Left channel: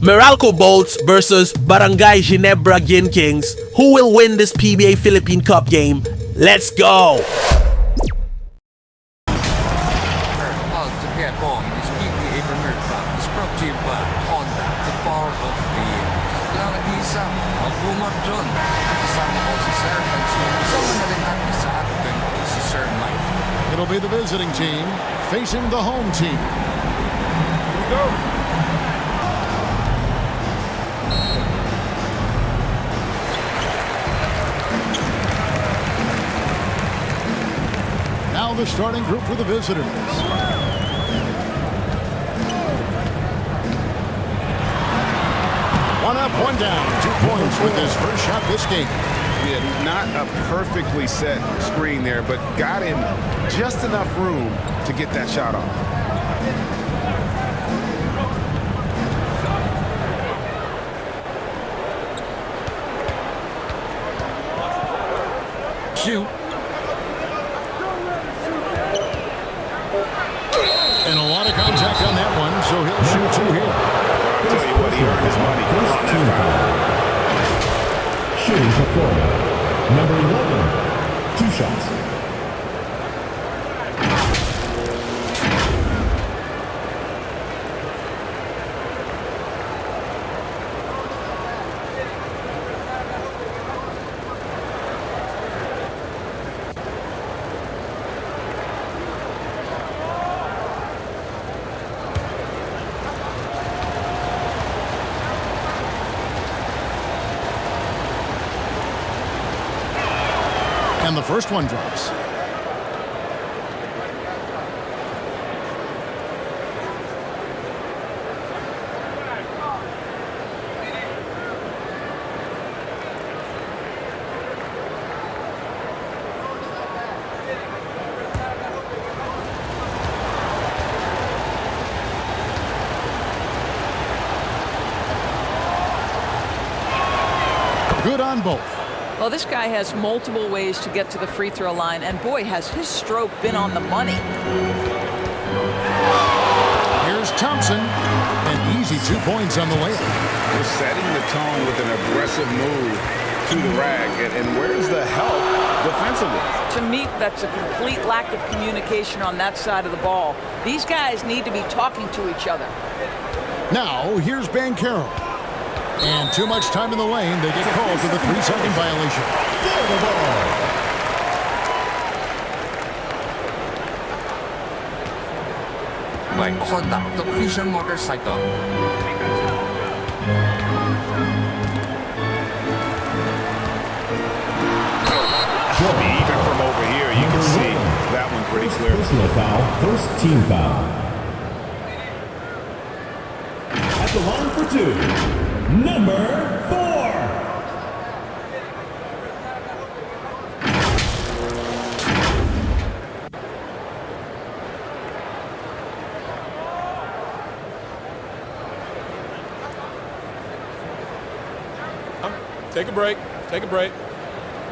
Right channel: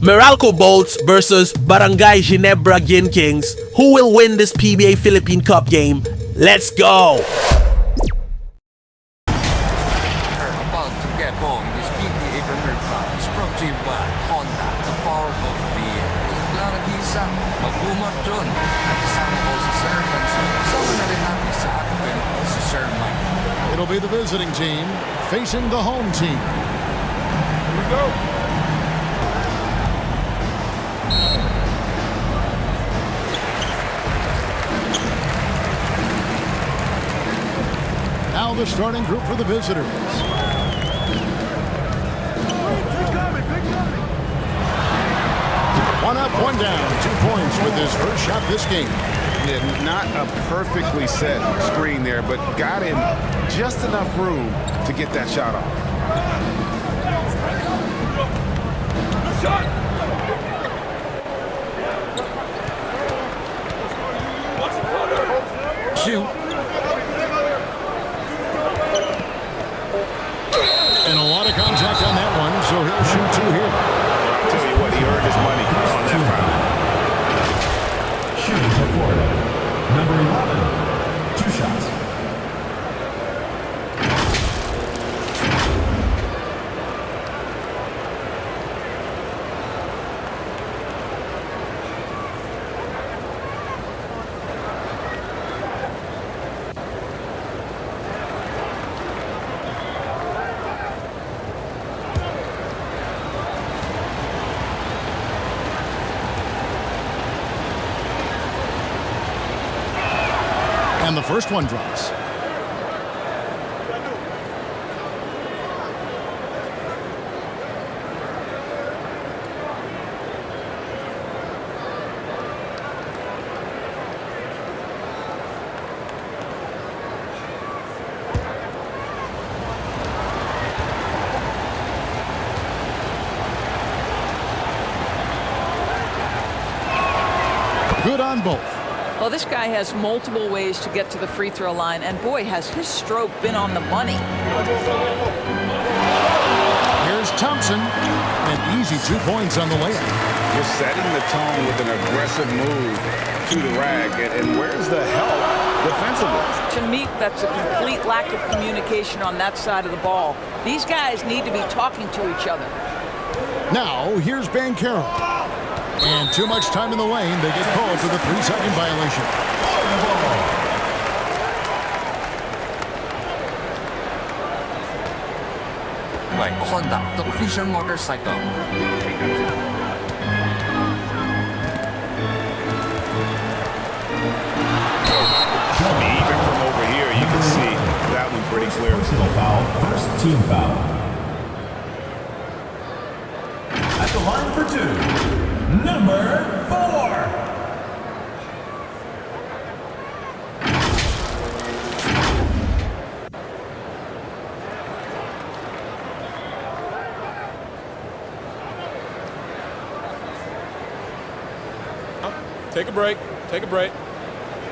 MERALCO Bolts versus Barangay Ginebra Gin Kings. Who will win this PBA Philippine Cup game? Let's go! About to get going, this PBA Premier Cup is brought to you by Honda, the power of VMs. Lang nag-iisa, mag-boomer John. At kasama ko si Sir Hanso. Kasama na rin natin sa atin si Sir Mike. It'll be the visiting team facing the home team. Here we go. Now the starting group for the visitors. One up, one down, 2 points with his first shot this game. Yeah, not a perfectly set screen there, but got him just enough room to get that shot off. Shoot. And a lot of contact on that one, so he'll shoot two here. Well, I'll tell you what, he earned his money on that foul. Shooting for Florida. Number 11. 2 shots. And the first one drops. Good on both. Well, this guy has multiple ways to get to the free throw line, and boy, has his stroke been on the money. Here's Thompson, and easy 2 points on the layup. Just setting the tone with an aggressive move to the rack, and where's the help defensively? To me, that's a complete lack of communication on that side of the ball. These guys need to be talking to each other. Now, here's Bancaro. And too much time in the lane. They get called for the 3-second violation. By Honda, the official motorcycle. Even from over here, you can see that one pretty clear. Personal foul. First team foul. At the line for 2. Number 4. Take a break. Take a break.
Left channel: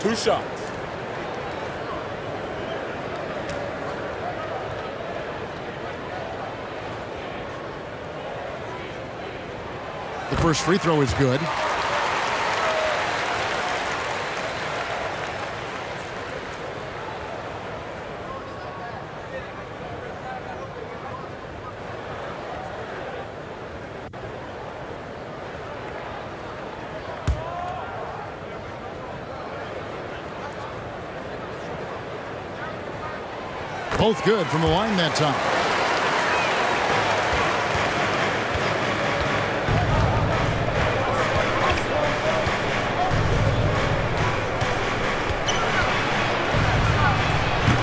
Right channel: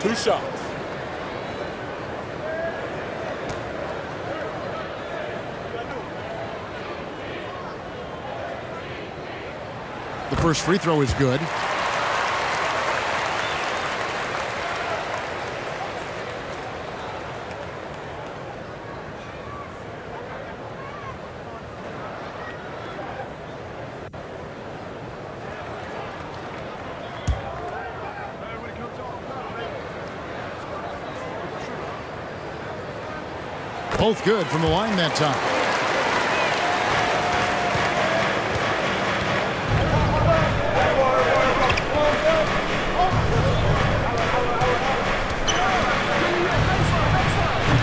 2 shots. The first free throw is good. Both good from the line that time.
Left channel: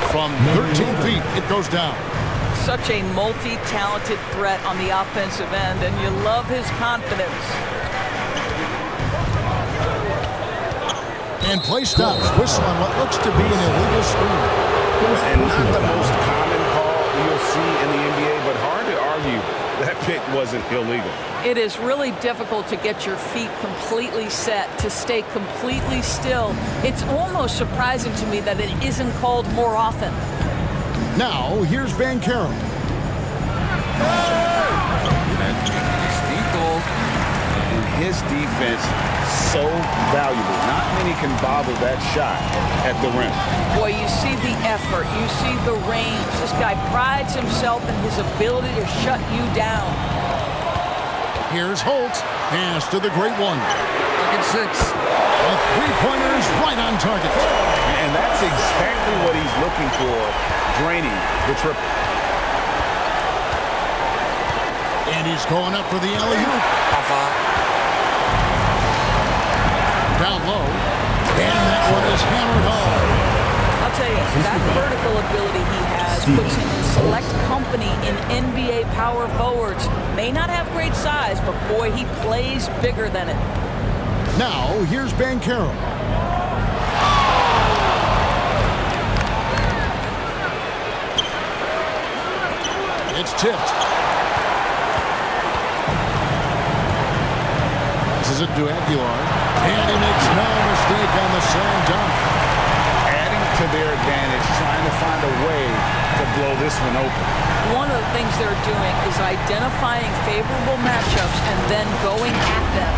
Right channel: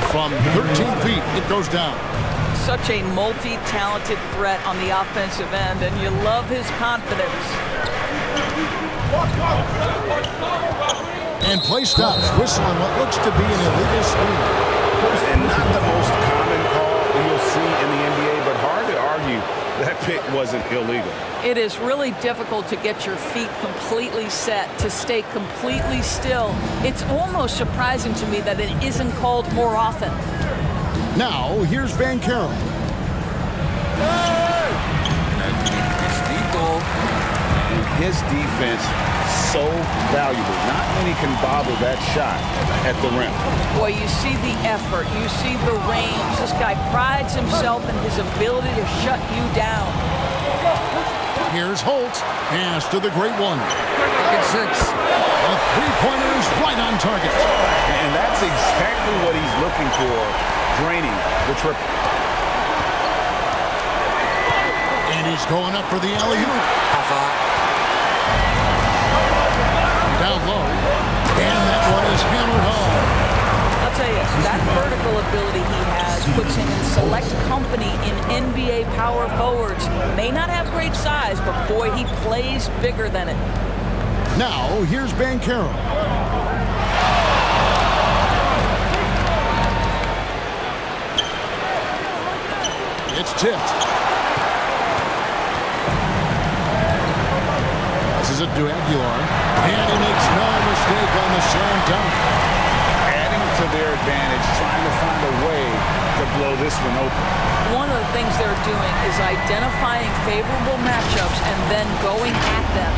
From 13 feet, it goes down. Such a multi-talented threat on the offensive end, and you love his confidence. And play stops. Whistle on what looks to be an illegal screen. And not the most common call you'll see in the NBA, but hard to argue that pick wasn't illegal. It is really difficult to get your feet completely set, to stay completely still. It's almost surprising to me that it isn't called more often. Now, here's Bancaro. Nagligtas dito. his defense so valuable. Not many can bother that shot at the rim. Boy, you see the effort, you see the range. This guy prides himself in his ability to shut you down. Here's Holt. Pass to the great one. Look at 6. A three-pointer is right on target. And that's exactly what he's looking for, draining the triple. And he's going up for the alley-oop. High five. Down low. And that one is hammered home. I'll tell you, that vertical ability he has puts him in select company in NBA power forwards. May not have great size, but boy, he plays bigger than it. Now, here's Bankero. It's tipped. Passes it to Aguilar. And he makes no mistake on the slam dunk. Adding to their advantage, trying to find a way to blow this one open. One of the things they're doing is identifying favorable matchups and then going at them.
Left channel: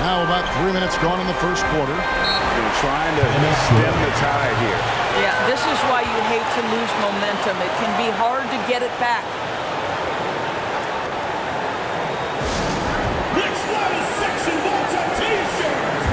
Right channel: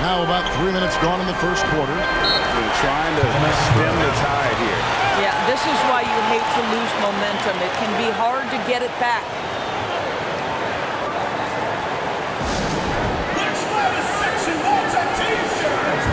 Now about 3 minutes gone in the first quarter. They're trying to stem the tide here. Yeah, this is why you hate to lose momentum. It can be hard to get it back. Next line is Section Water T-shirt.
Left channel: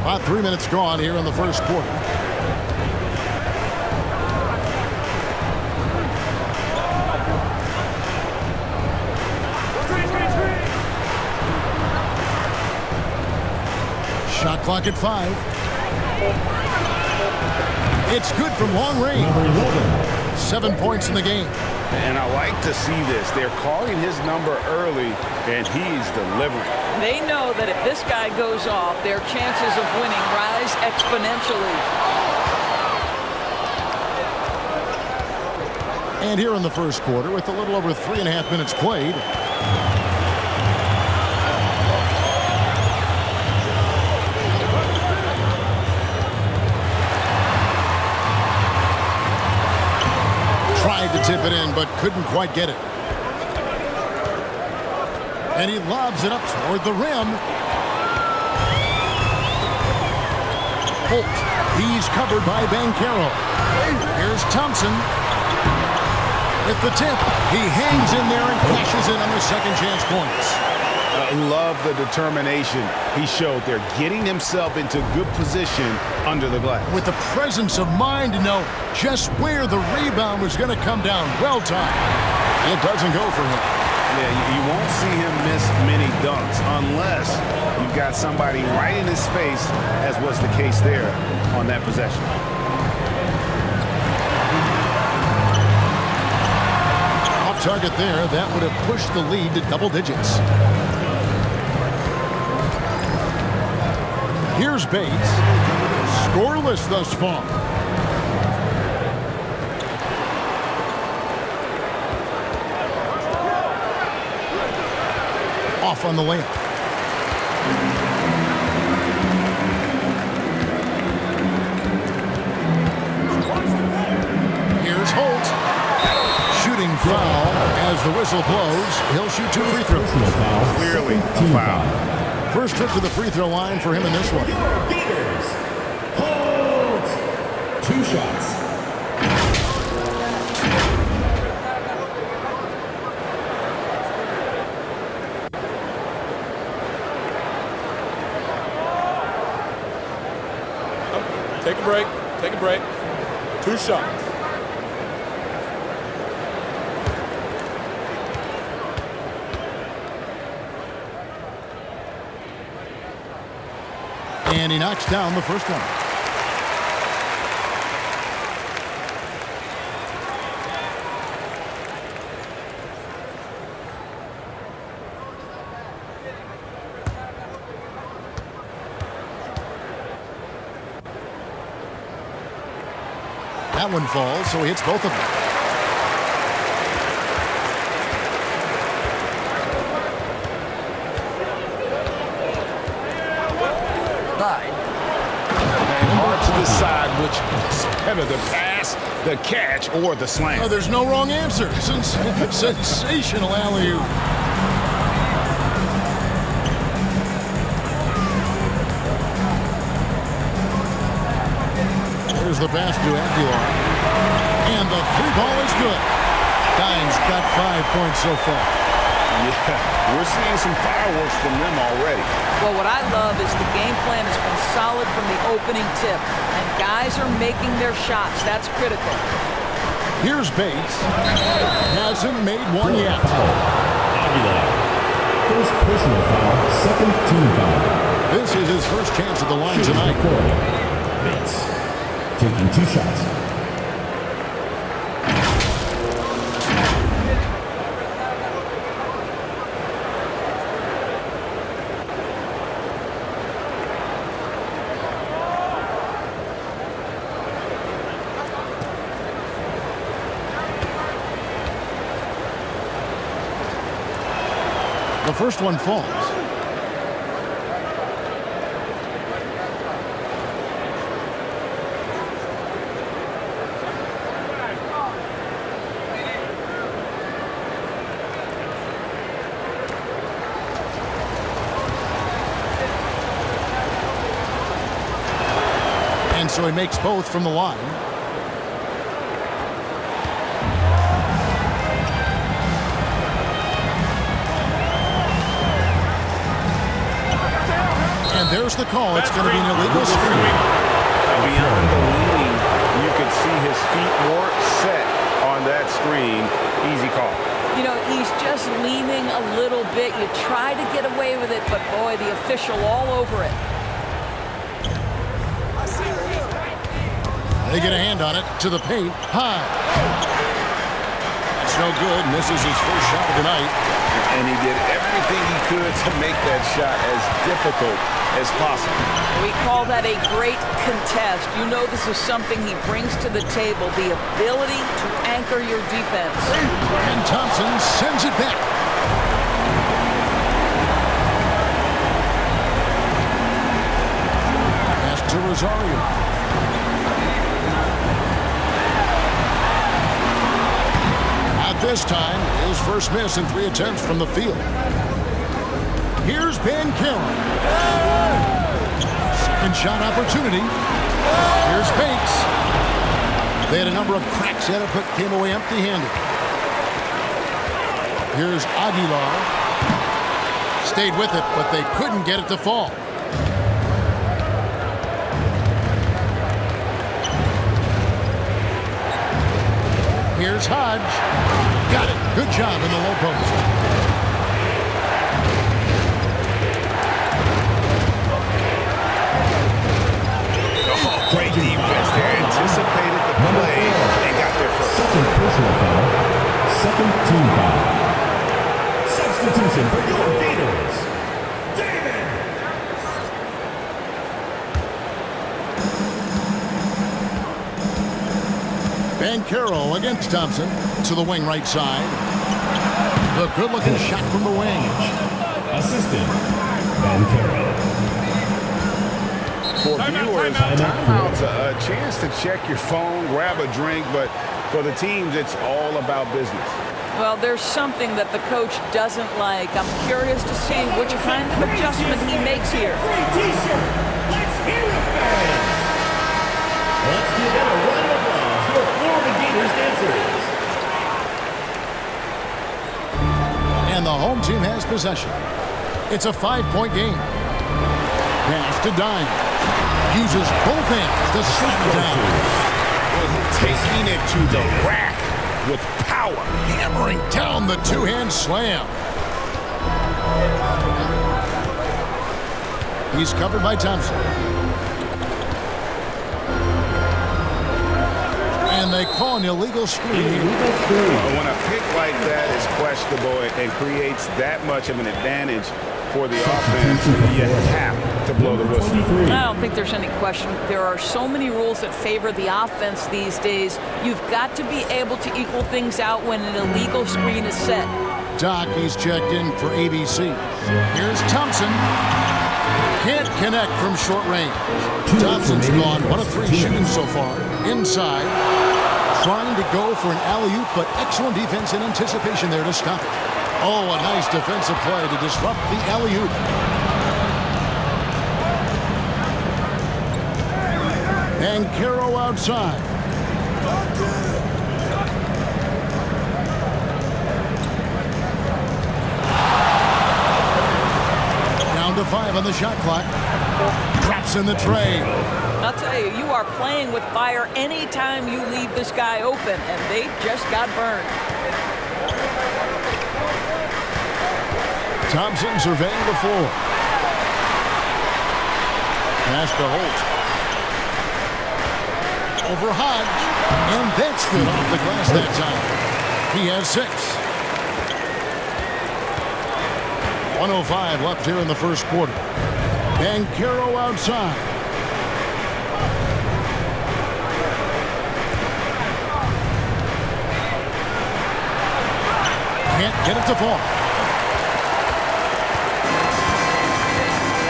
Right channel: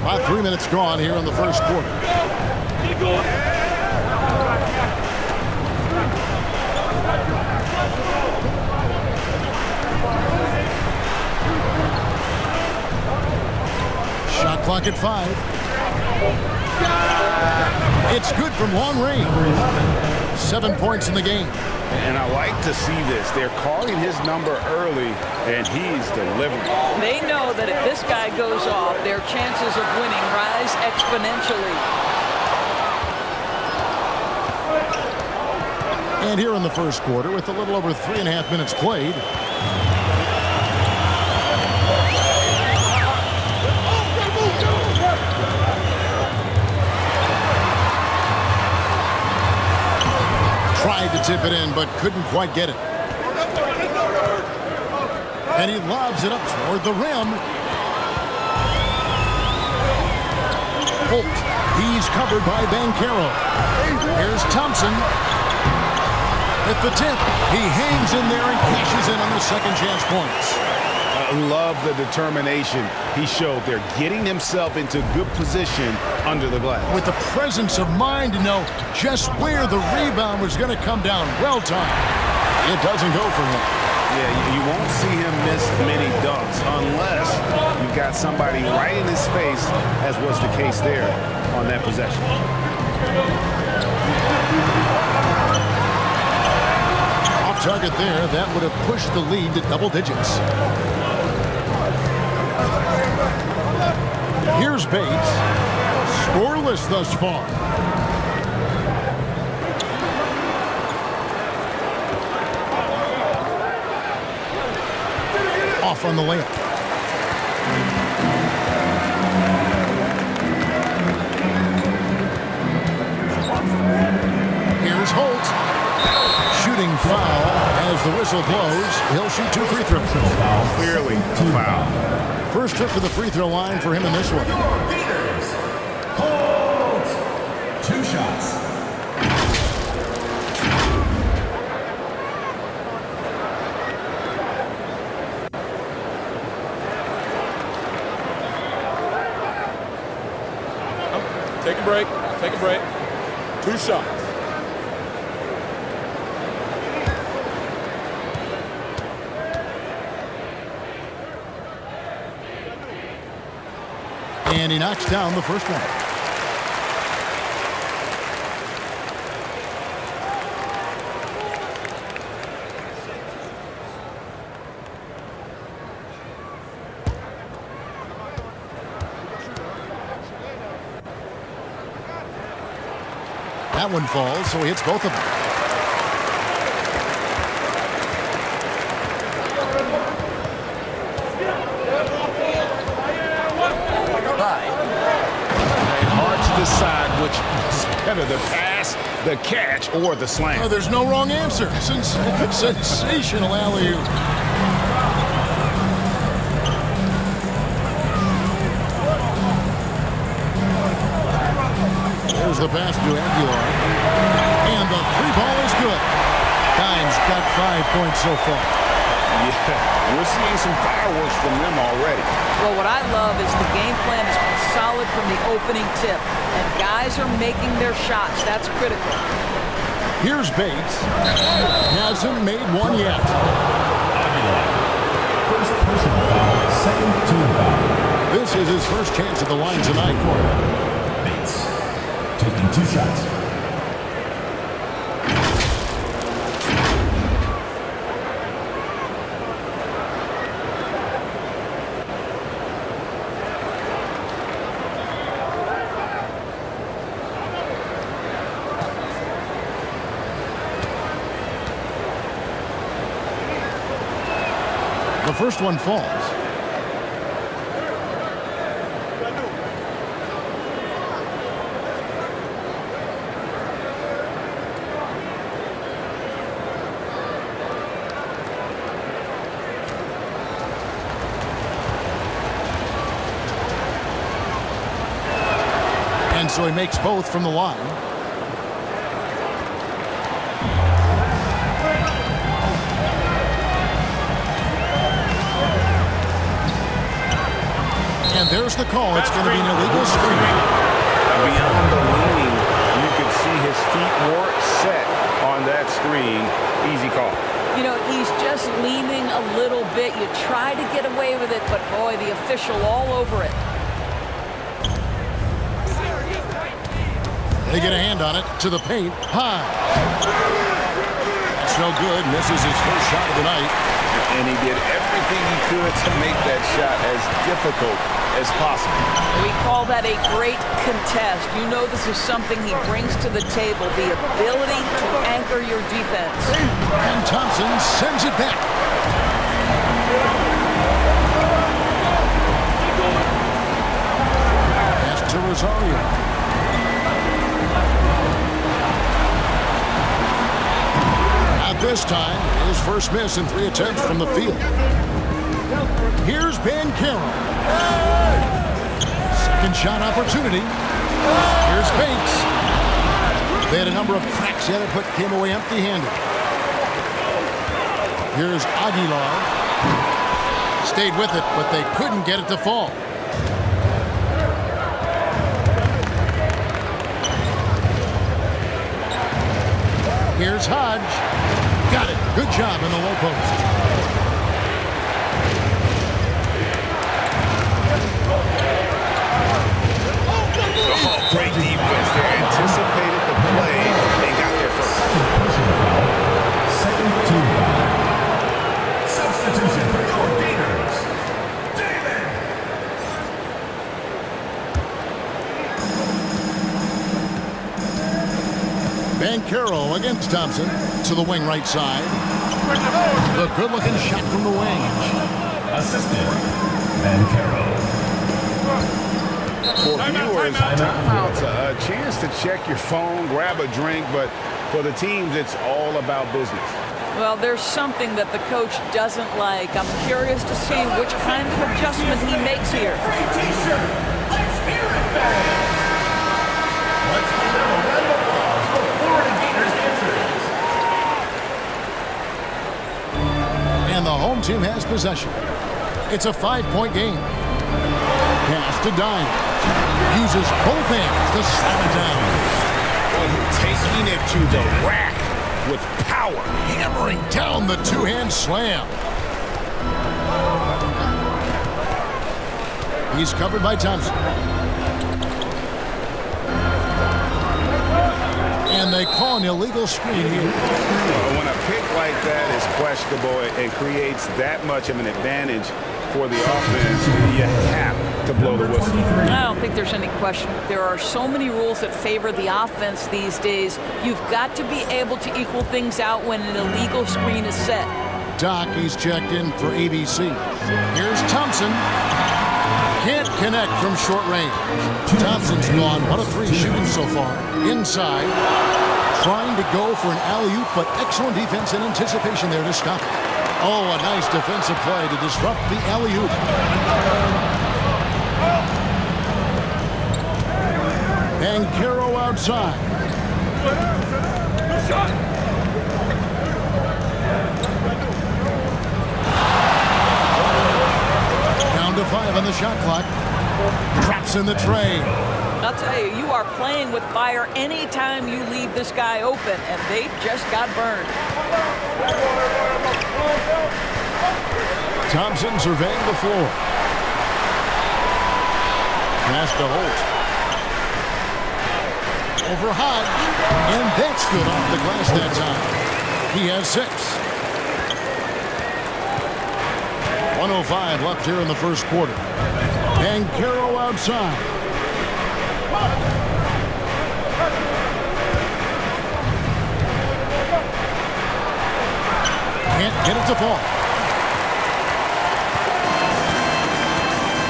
About 3 minutes gone here in the first quarter. Shot clock at 5. It's good from long range. Number 11. 7 points in the game. And I like to see this. They're calling his number early, and he's delivering. They know that if this guy goes off, their chances of winning rise exponentially. And here in the first quarter, with a little over 3.5 minutes played. Tried to tip it in, but couldn't quite get it. And he lobs it up toward the rim. Holt, he's covered by Bankero. Here's Thompson. At the tip, he hangs in there and cashes in on the second chance points. Love the determination he showed there, getting himself into good position under the glass. With the presence of mind to know just where the rebound was going to come down. Well timed. It doesn't go for him. Yeah, you won't see him miss many dunks unless you've got somebody right in his face, as was the case there on that possession. Off target there, that would have pushed the lead to double digits. Here's Bates. Scoreless thus far. Off on the layup. Here's Holt. Shooting foul as the whistle blows. He'll shoot 2 free throws. Clearly a foul. First trip to the free throw line for him in this one. Your Gators. Hold. 2 shots. Take a break. Take a break. 2 shots. And he knocks down the first one. That one falls, so he hits both of them. tied. And hard to decide which was better, the pass, the catch, or the slam. Oh, there's no wrong answer. Sensational alley-oop. There's the pass to Aguilar. And the three ball is good. Dimes got 5 points so far. Yeah, we're seeing some fireworks from them already. Well, what I love is the game plan has been solid from the opening tip, and guys are making their shots. That's critical. Here's Bates. Hasn't made one yet. Aguilar. First personal foul, second team foul. This is his first chance at the line tonight. Bates taking 2 shots. The first one falls. And so he makes both from the line. And there's the call. It's going to be an illegal screen. Beyond the leaning, you could see his feet more set on that screen. Easy call. You know, he's just leaning a little bit. You try to get away with it, but boy, the official all over it. They get a hand on it to the paint. High. That's no good. Misses his first shot of the night. And he did everything he could to make that shot as difficult as possible. We call that a great contest. You know this is something he brings to the table, the ability to anchor your defense. And Thompson sends it back. Pass to Rosario. At this time, his first miss in 3 attempts from the field. Here's Bancaro. Second shot opportunity. Here's Bates. They had a number of cracks at it, but came away empty-handed. Here's Aguilar. Stayed with it, but they couldn't get it to fall. Here's Hodge. Got it. Good job in the low post. Oh, great defense there. Anticipated the play and got there first. Second personal foul, second team foul. Substitution for your Gators, David. Bancaro against Thompson to the wing right side. The good-looking shot from the wing. Assistant, Bancaro. For viewers, timeout's a chance to check your phone, grab a drink, but for the teams, it's all about business. Well, there's something that the coach doesn't like. I'm curious to see which kind of adjustment he makes here. Free t-shirt. Let's hear it, fans. Let's give them a round of applause for Florida Gators dancers. And the home team has possession. It's a 5-point game. Pass to Dimes. Uses both hands to slam it down. Taking it to the rack with power. Hammering down the two-hand slam. He's covered by Thompson. And they call an illegal screen here. When a pick like that is questionable and creates that much of an advantage for the offense, you have to blow the whistle. I don't think there's any question. There are so many rules that favor the offense these days. You've got to be able to equal things out when an illegal screen is set. Doc, he's checked in for ABC. Here's Thompson. Can't connect from short range. Thompson's gone 1 of 3 shooting so far. Inside. Trying to go for an alley-oop, but excellent defense and anticipation there to stop it. Oh, a nice defensive play to disrupt the alley-oop. Bancaro outside. Down to 5 on the shot clock. Drops in the tray. I'll tell you, you are playing with fire anytime you leave this guy open, and they just got burned. Thompson surveying the floor. Pass to Holt. Over Hodge. And that's good off the glass that time. He has 6. 1:05 left here in the first quarter. Bancaro outside. Can't get it to fall.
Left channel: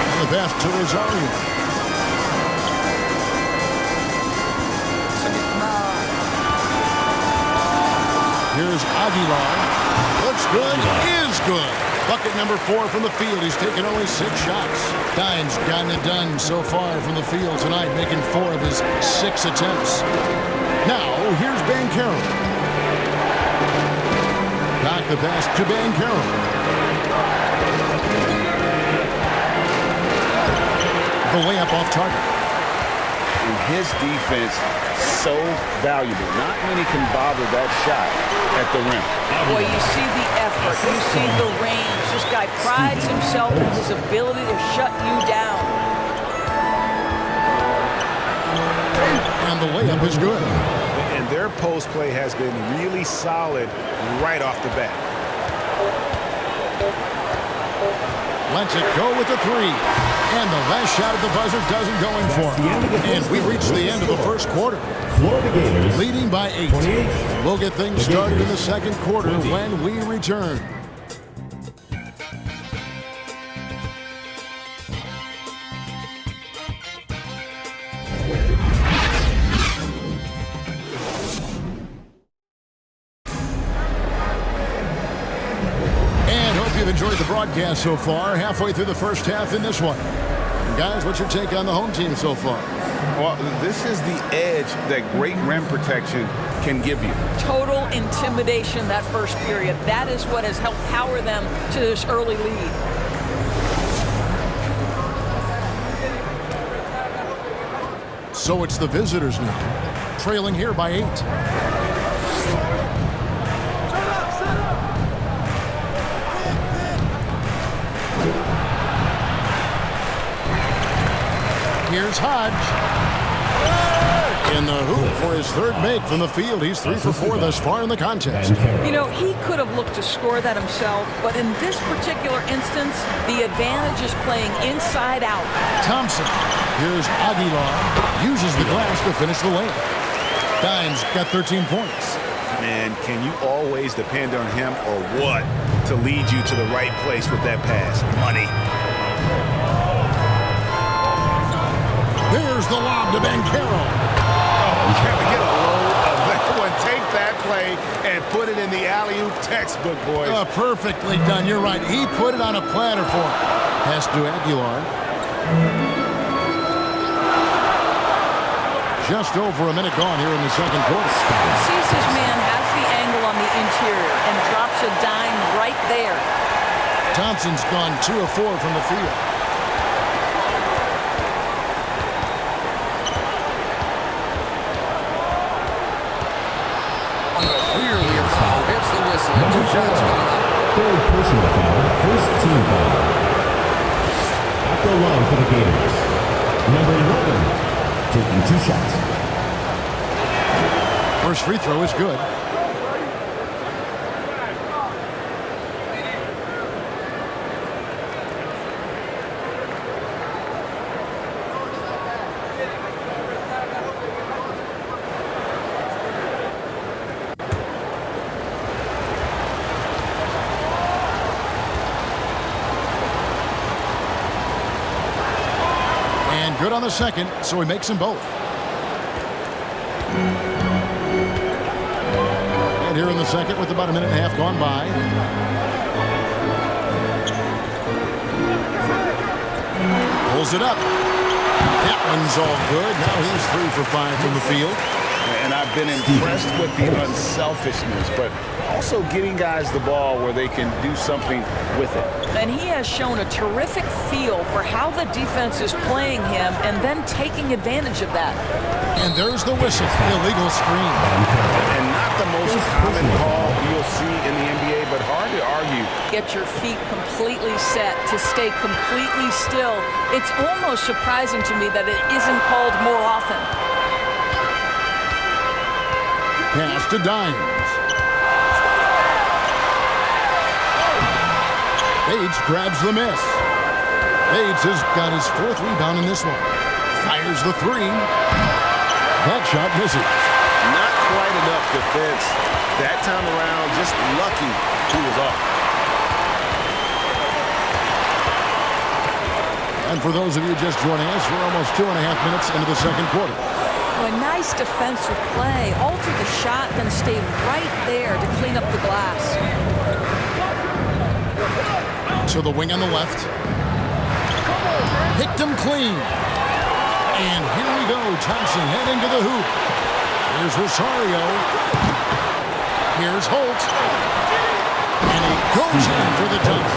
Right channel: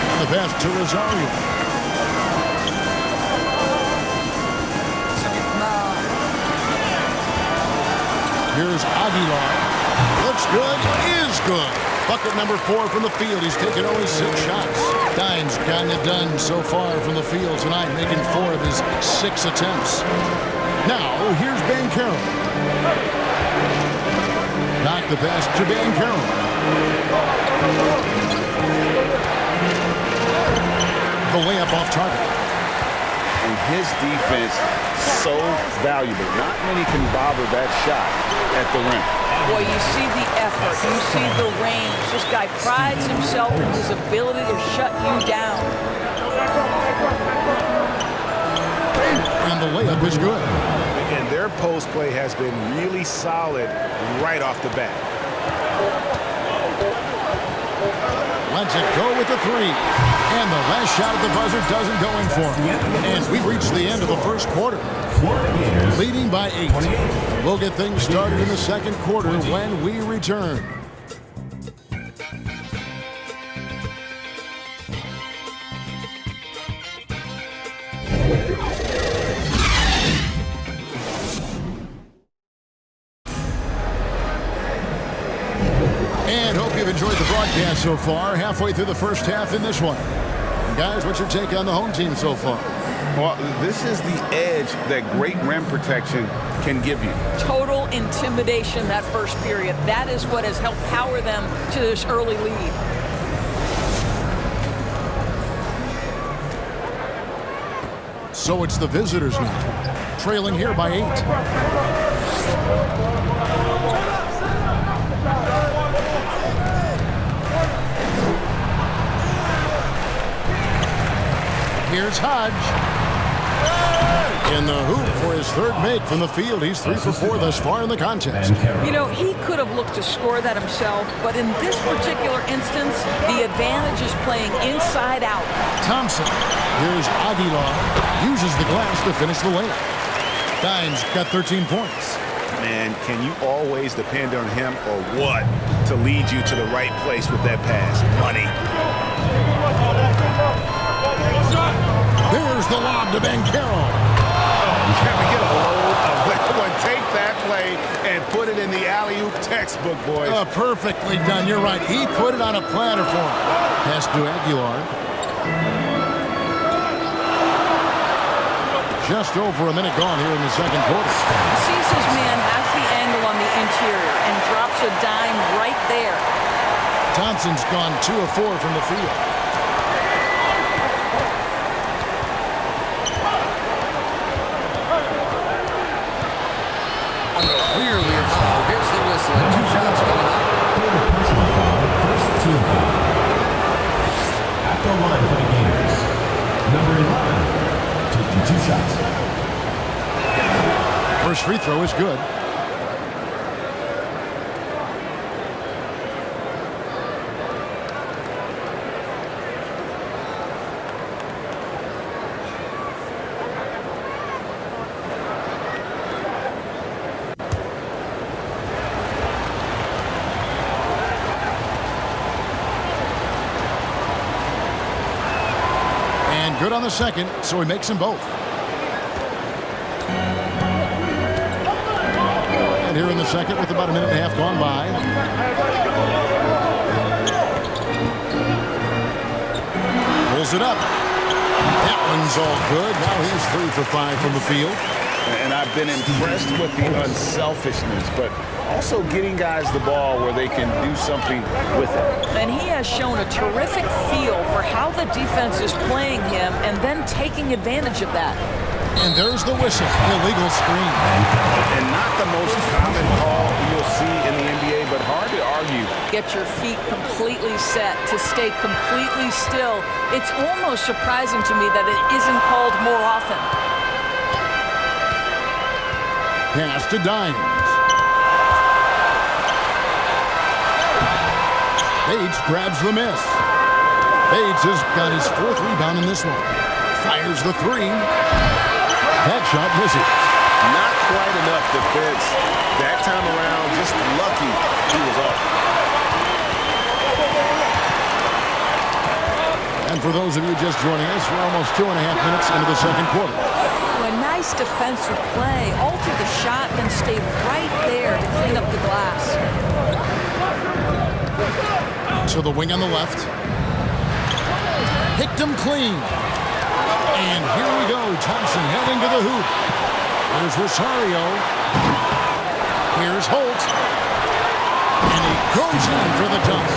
And the pass to Rosario. Sa gitna. Here's Aguilar. Looks good. Is good. Bucket number 4 from the field. He's taken only 6 shots. Dime's gotten it done so far from the field tonight, making 4 of his 6 attempts. Now, here's Bancaro. Knock the pass to Bancaro. The layup off target. And his defense, so valuable. Not many can bother that shot at the rim. Boy, you see the effort. You see the range. This guy prides himself in his ability to shut you down. And the layup is good. And their post play has been really solid right off the bat. Lets it go with the 3. And the last shot at the buzzer doesn't go in for him. And we reached the end of the first quarter. Florida Gators Leading by 8. 28. And we'll get things started in the second quarter when we return. And hope you've enjoyed the broadcast so far. Halfway through the first half in this one. And guys, what's your take on the home team so far? Well, this is the edge that great rim protection can give you. Total intimidation that first period. That is what has helped power them to this early lead. So it's the visitors now, trailing here by 8. Here's Hodge. In the hoop for his 3rd make from the field. He's 3 for 4 thus far in the contest. You know, he could have looked to score that himself, but in this particular instance, the advantage is playing inside out. Thompson. Here's Aguilar. Uses the glass to finish the layup. Dime's got 13 points. Man, can you always depend on him or what to lead you to the right place with that pass? Money. There's the lob to Bancaro. Oh, can we get a load of that one? Take that play and put it in the alley-oop textbook, boys. Perfectly done. You're right. He put it on a platter for him. Pass to Aguilar. Just over a minute gone here in the second quarter. Sees his man has the angle on the interior and drops a dime right there. Thompson's gone 2 of 4 from the field. Clearly a foul. Here's the whistle and 2 shots coming up. 3rd personal foul, 1st team foul. At the line for the Gators, number 11, taking 2 shots. First free throw is good. good on the second, so he makes them both. And here in the second with about a minute and a half gone by. Pulls it up. That one's all good. Now he's 3 for 5 from the field. And I've been impressed with the unselfishness, but also getting guys the ball where they can do something with it. And he has shown a terrific feel for how the defense is playing him and then taking advantage of that. And there's the whistle. Illegal screen. And not the most common call you'll see in the NBA, but hard to argue. Get your feet completely set to stay completely still. It's almost surprising to me that it isn't called more often. Pass to Dimes. Bates grabs the miss. Bates has got his 4th rebound in this one. Fires the 3. That shot misses. Not quite enough defense that time around. Just lucky he was off. And for those of you just joining us, we're almost 2.5 minutes into the second quarter. A nice defensive play. Altered the shot, then stayed right there to clean up the glass. So the wing on the left. Picked him clean. And here we go. Thompson heading to the hoop. Here's Rosario. Here's Holt. And he goes in for the dunk.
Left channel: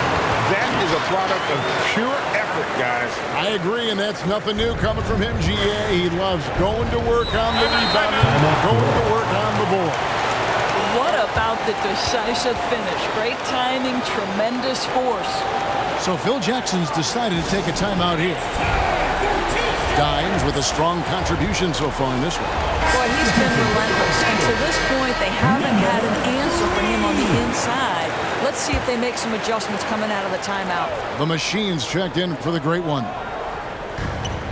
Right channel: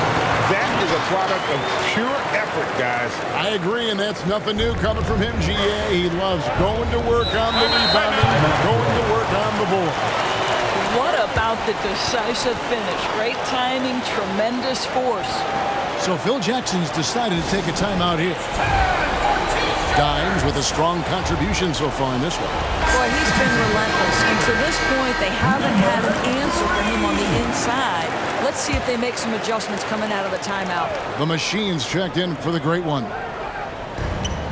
That is a product of pure effort, guys. I agree, and that's nothing new coming from him, GA. He loves going to work on the rebounding, going to work on the board. What about the decisive finish? Great timing, tremendous force. So Phil Jackson's decided to take a timeout here. Dimes with a strong contribution so far in this one. Boy, he's been relentless, and to this point, they haven't had an answer for him on the inside. Let's see if they make some adjustments coming out of the timeout. The machine's checked in for the great one.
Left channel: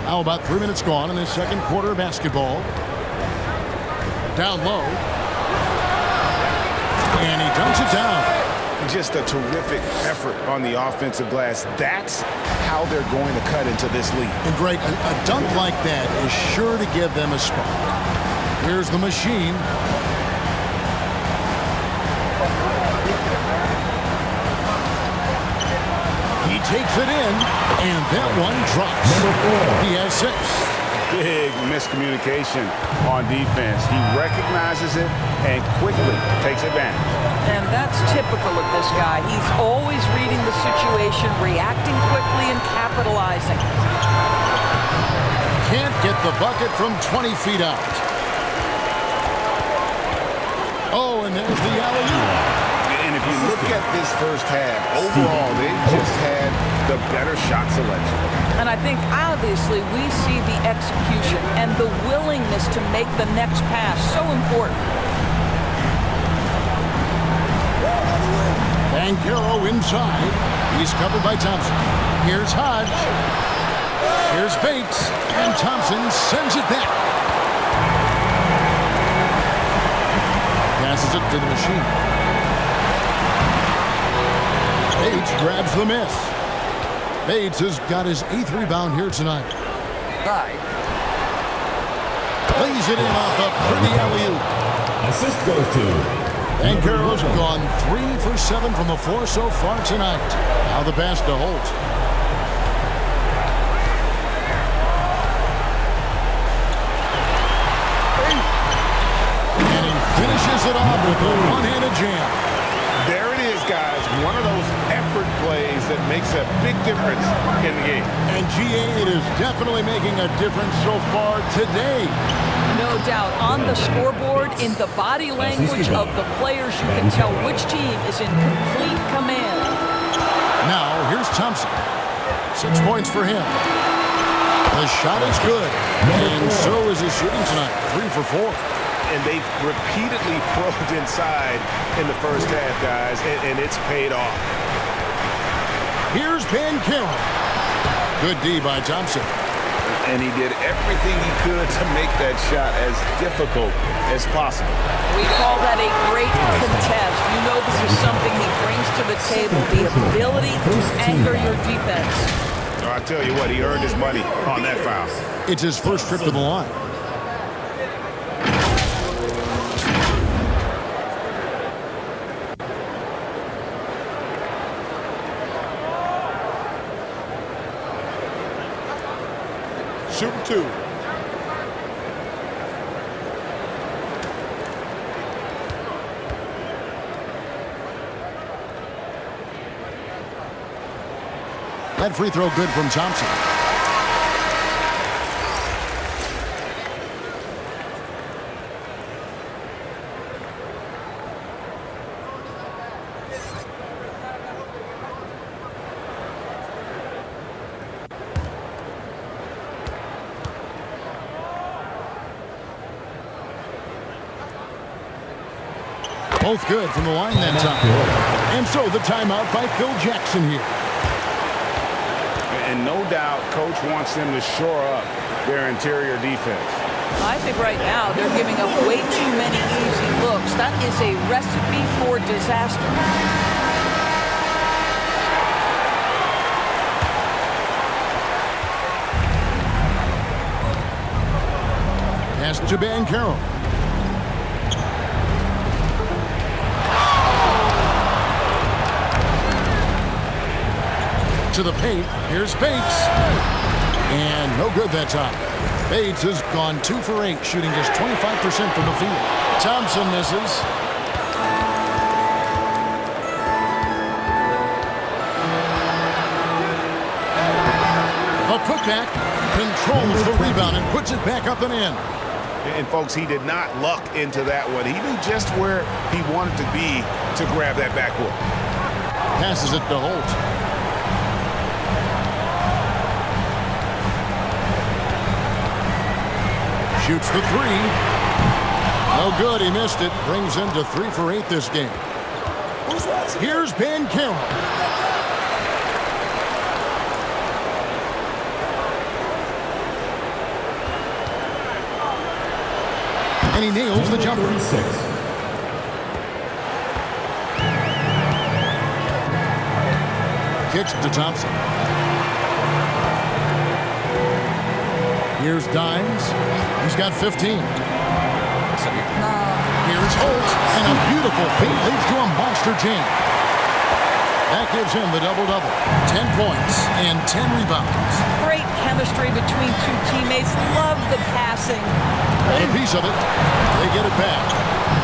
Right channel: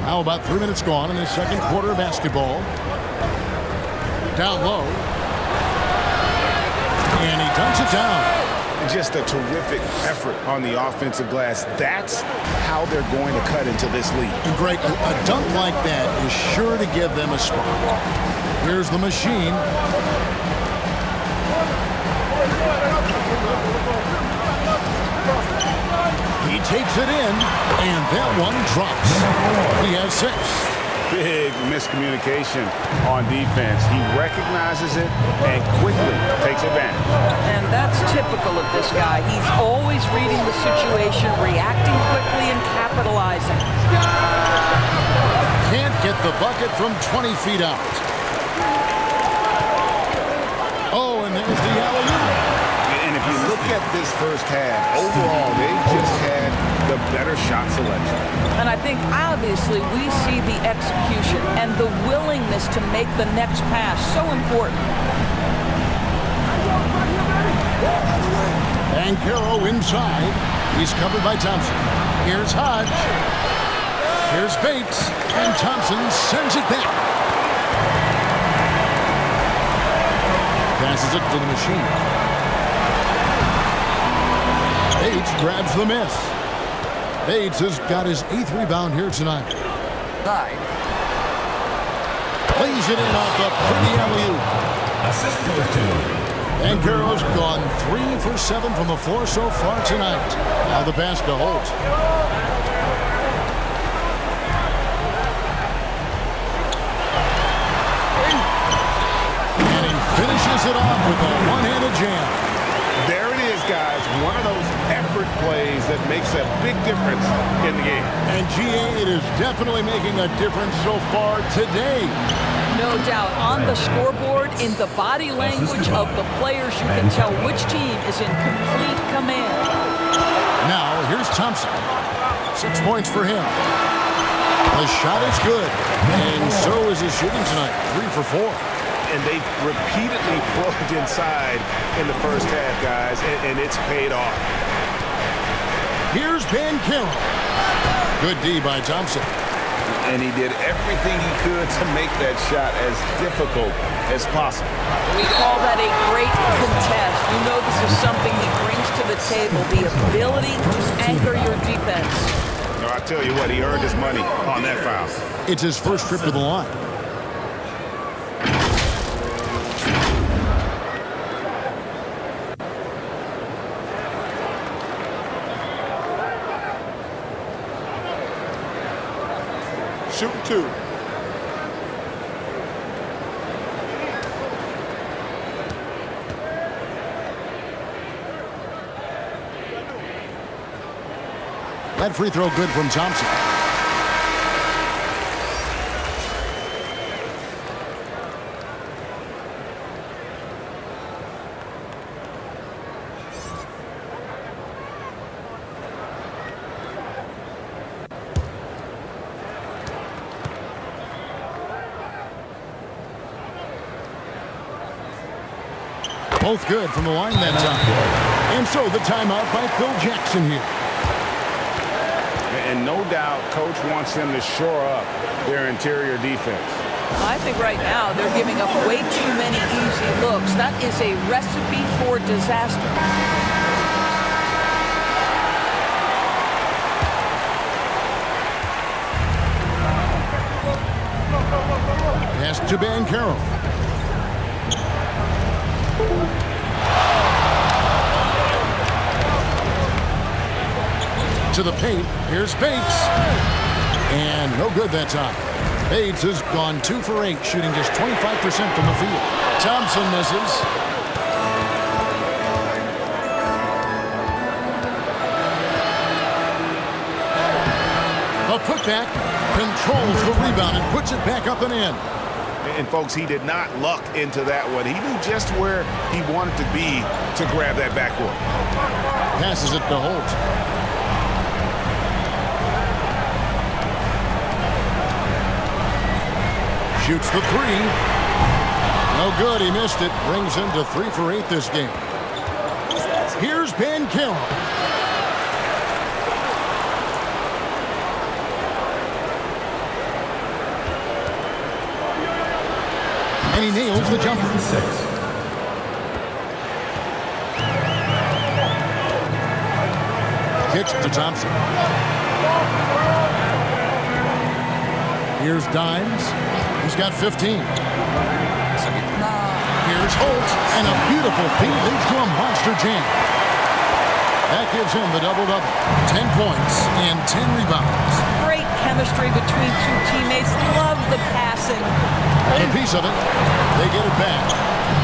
Now about 3 minutes gone in this second quarter of basketball. Down low. And he dunks it down. Just a terrific effort on the offensive glass. That's how they're going to cut into this lead. And Greg, a dunk like that is sure to give them a spark. Here's the machine. He takes it in, and that one drops. He has 6. Big miscommunication on defense. He recognizes it and quickly takes advantage. And that's typical of this guy. He's always reading the situation, reacting quickly, and capitalizing. Can't get the bucket from 20 feet out. Oh, and there's the alley-oop. And if you look at this first half, overall, they've just had the better shot selection. And I think, obviously, we see the execution and the willingness to make the next pass so important. Banchero inside. He's covered by Thompson. Here's Hodge. Here's Bates. And Thompson sends it back. Passes it to the machine. Bates grabs the miss. Bates has got his 8th rebound here tonight. Lays it in off the pretty alley-oop. Assist goes to Banchero's gone 3 for 7 from the floor so far tonight. Now the pass to Holt. And he finishes it off with a one-handed jam. There it is, guys. One of those effort plays that makes a big difference in the game. And GA, it is definitely making a difference so far today. No doubt. On the scoreboard, in the body language of the players, you can tell which team is in complete command. Now, here's Thompson. 6 points for him. The shot is good. And so is his shooting tonight. 3 for 4. And they've repeatedly probed inside in the first half, guys, and it's paid off. Here's Banchero. Good D by Thompson. And he did everything he could to make that shot as difficult as possible. We call that a great contest. You know this is something he brings to the table, the ability to anchor your defense. No, I tell you what, he earned his money on that foul. It's his first trip to the line. Shooting 2. That free throw good from Thompson. Both good from the line that time. And so the timeout by Phil Jackson here. And no doubt, Coach wants them to shore up their interior defense. I think right now they're giving up way too many easy looks. That is a recipe for disaster. Pass to Bancaro. To the paint. Here's Bates. And no good that time. Bates has gone 2 for 8, shooting just 25% from the field. Thompson misses. A putback. Controls the rebound and puts it back up and in. And folks, he did not luck into that one. He knew just where he wanted to be to grab that backboard. Passes it to Holt. Shoots the 3. No good. He missed it. Brings him to 3 for 8 this game. Here's Bancaro. And he nails the jumper. Kicks to Thompson. Here's Dimes. He's got 15. Sa gitna. Here's Holt. And a beautiful feed leads to a monster jam. That gives him the double-double. 10 points and 10 rebounds. Great chemistry between two teammates. Love the passing. Got a piece of it. They get it back.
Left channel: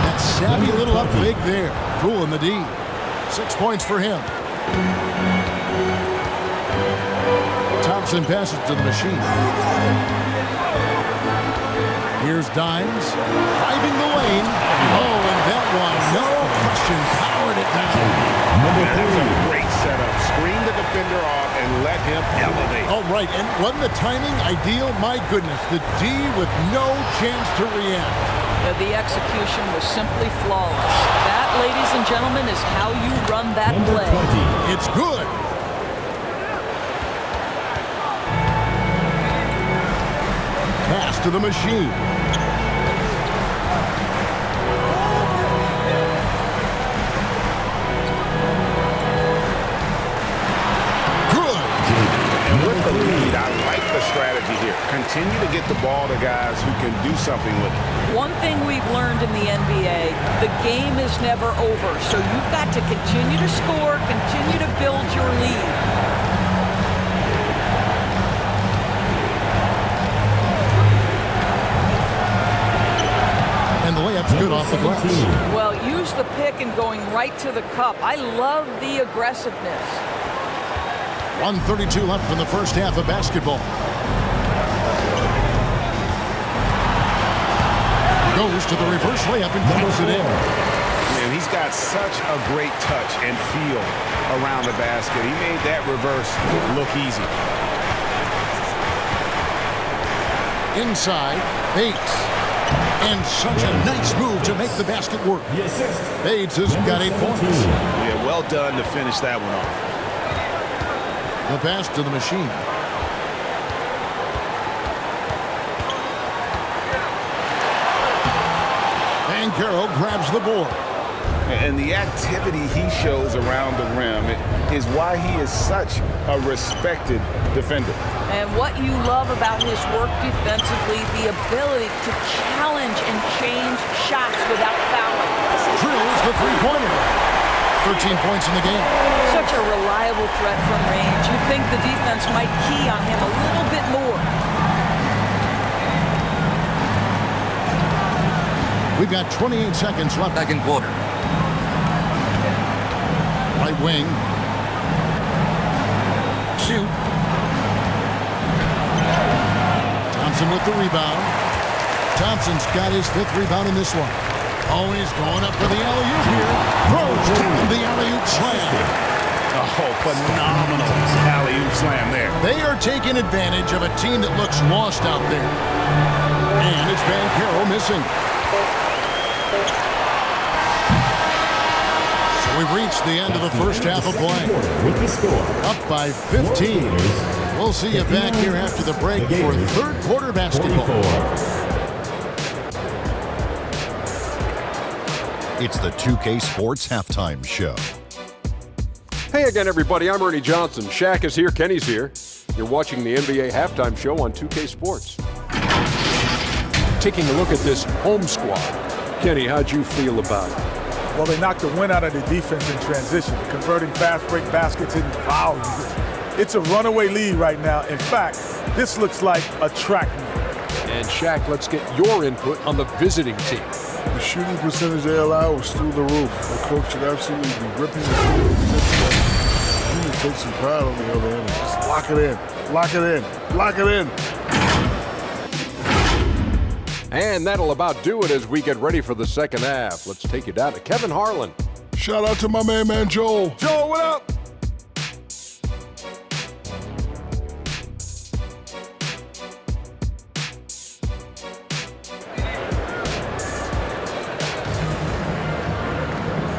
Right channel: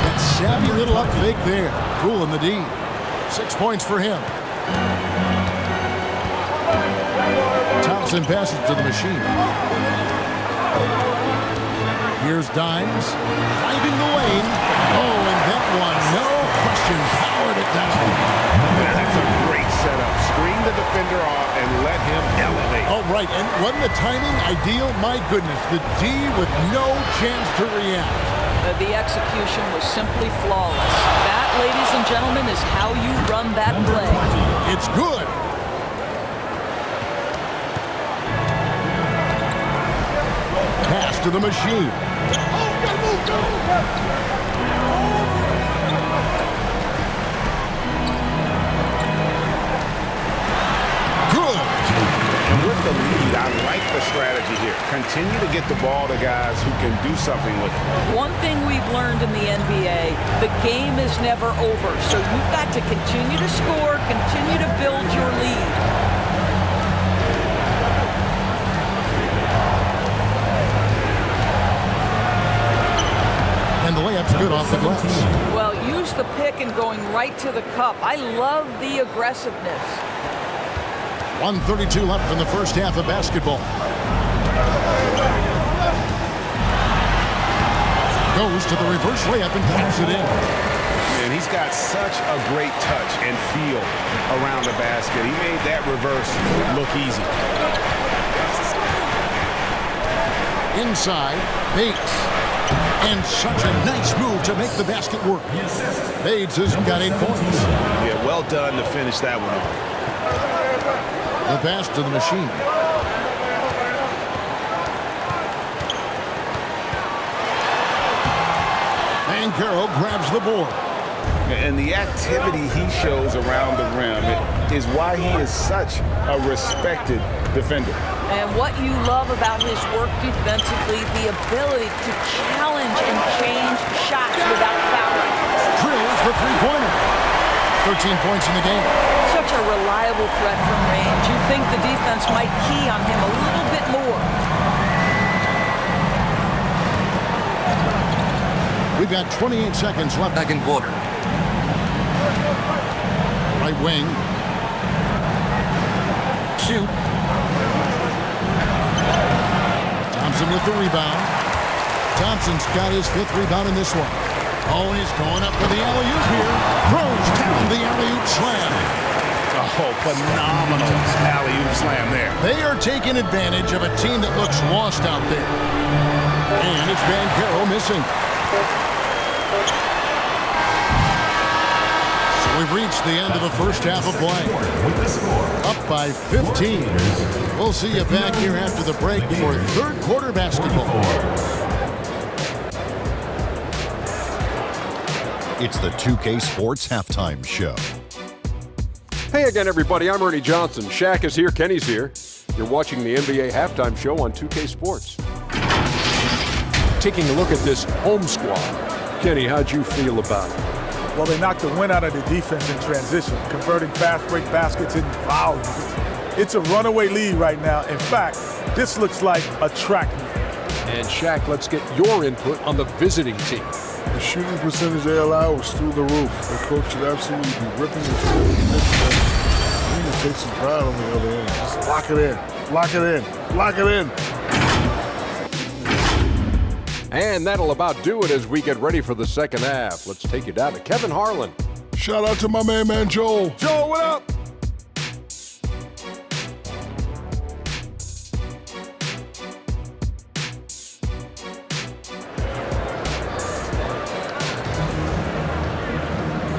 That savvy little up fake there. Fooling the D. 6 points for him. Thompson passes to the machine. Here's Dimes. Driving the lane. Oh, and that one, no question, powered it down. That's a great setup. Screen the defender off and let him elevate. All right, and wasn't the timing ideal? My goodness, the D with no chance to react. The execution was simply flawless. That, ladies and gentlemen, is how you run that play. It's good. Pass to the machine. And with the lead, I like the strategy here. Continue to get the ball to guys who can do something with it. One thing we've learned in the NBA, the game is never over. So you've got to continue to score, continue to build your lead. And the layup's good off the glass. Well, use the pick and going right to the cup. I love the aggressiveness. 1:32 left in the first half of basketball. Goes to the reverse layup and taps it in. Man, he's got such a great touch and feel around the basket. He made that reverse look easy. Inside, Bates. And such a nice move to make the basket work. Bates has got 8 points. Yeah, well done to finish that one off. The pass to the machine. Bancaro grabs the board. And the activity he shows around the rim is why he is such a respected defender. And what you love about his work defensively, the ability to challenge and change shots without fouling. Drills the three-pointer. 13 points in the game. Such a reliable threat from range. You'd think the defense might key on him a little bit more. We've got 28 seconds left. Second quarter. Right wing. Shoot. Thompson with the rebound. Thompson's got his 5th rebound in this one. Oh, he's going up for the alley-oop here. Throws down the alley-oop slam. Oh, phenomenal alley-oop slam there. They are taking advantage of a team that looks lost out there. And it's Bancaro missing. So we've reached the end of the first half of play. With the score, Up by 15. We'll see you back here after the break for third quarter basketball. 44. It's the 2K Sports Halftime Show. Hey again, everybody. I'm Ernie Johnson. Shaq is here. Kenny's here. You're watching the NBA Halftime Show on 2K Sports. Taking a look at this home squad. Kenny, how'd you feel about it? Well, they knocked the wind out of the defense in transition, converting fast break baskets in value. It's a runaway lead right now. In fact, this looks like a track meet. And Shaq, let's get your input on the visiting team. The shooting percentage they allow was through the roof. The coach should absolutely be ripping the field. We need to take some pride on the other end. Just lock it in. Lock it in. Lock it in. And that'll about do it as we get ready for the second half. Let's take you down to Kevin Harlan. Shout out to my man Joel. Joel, what up?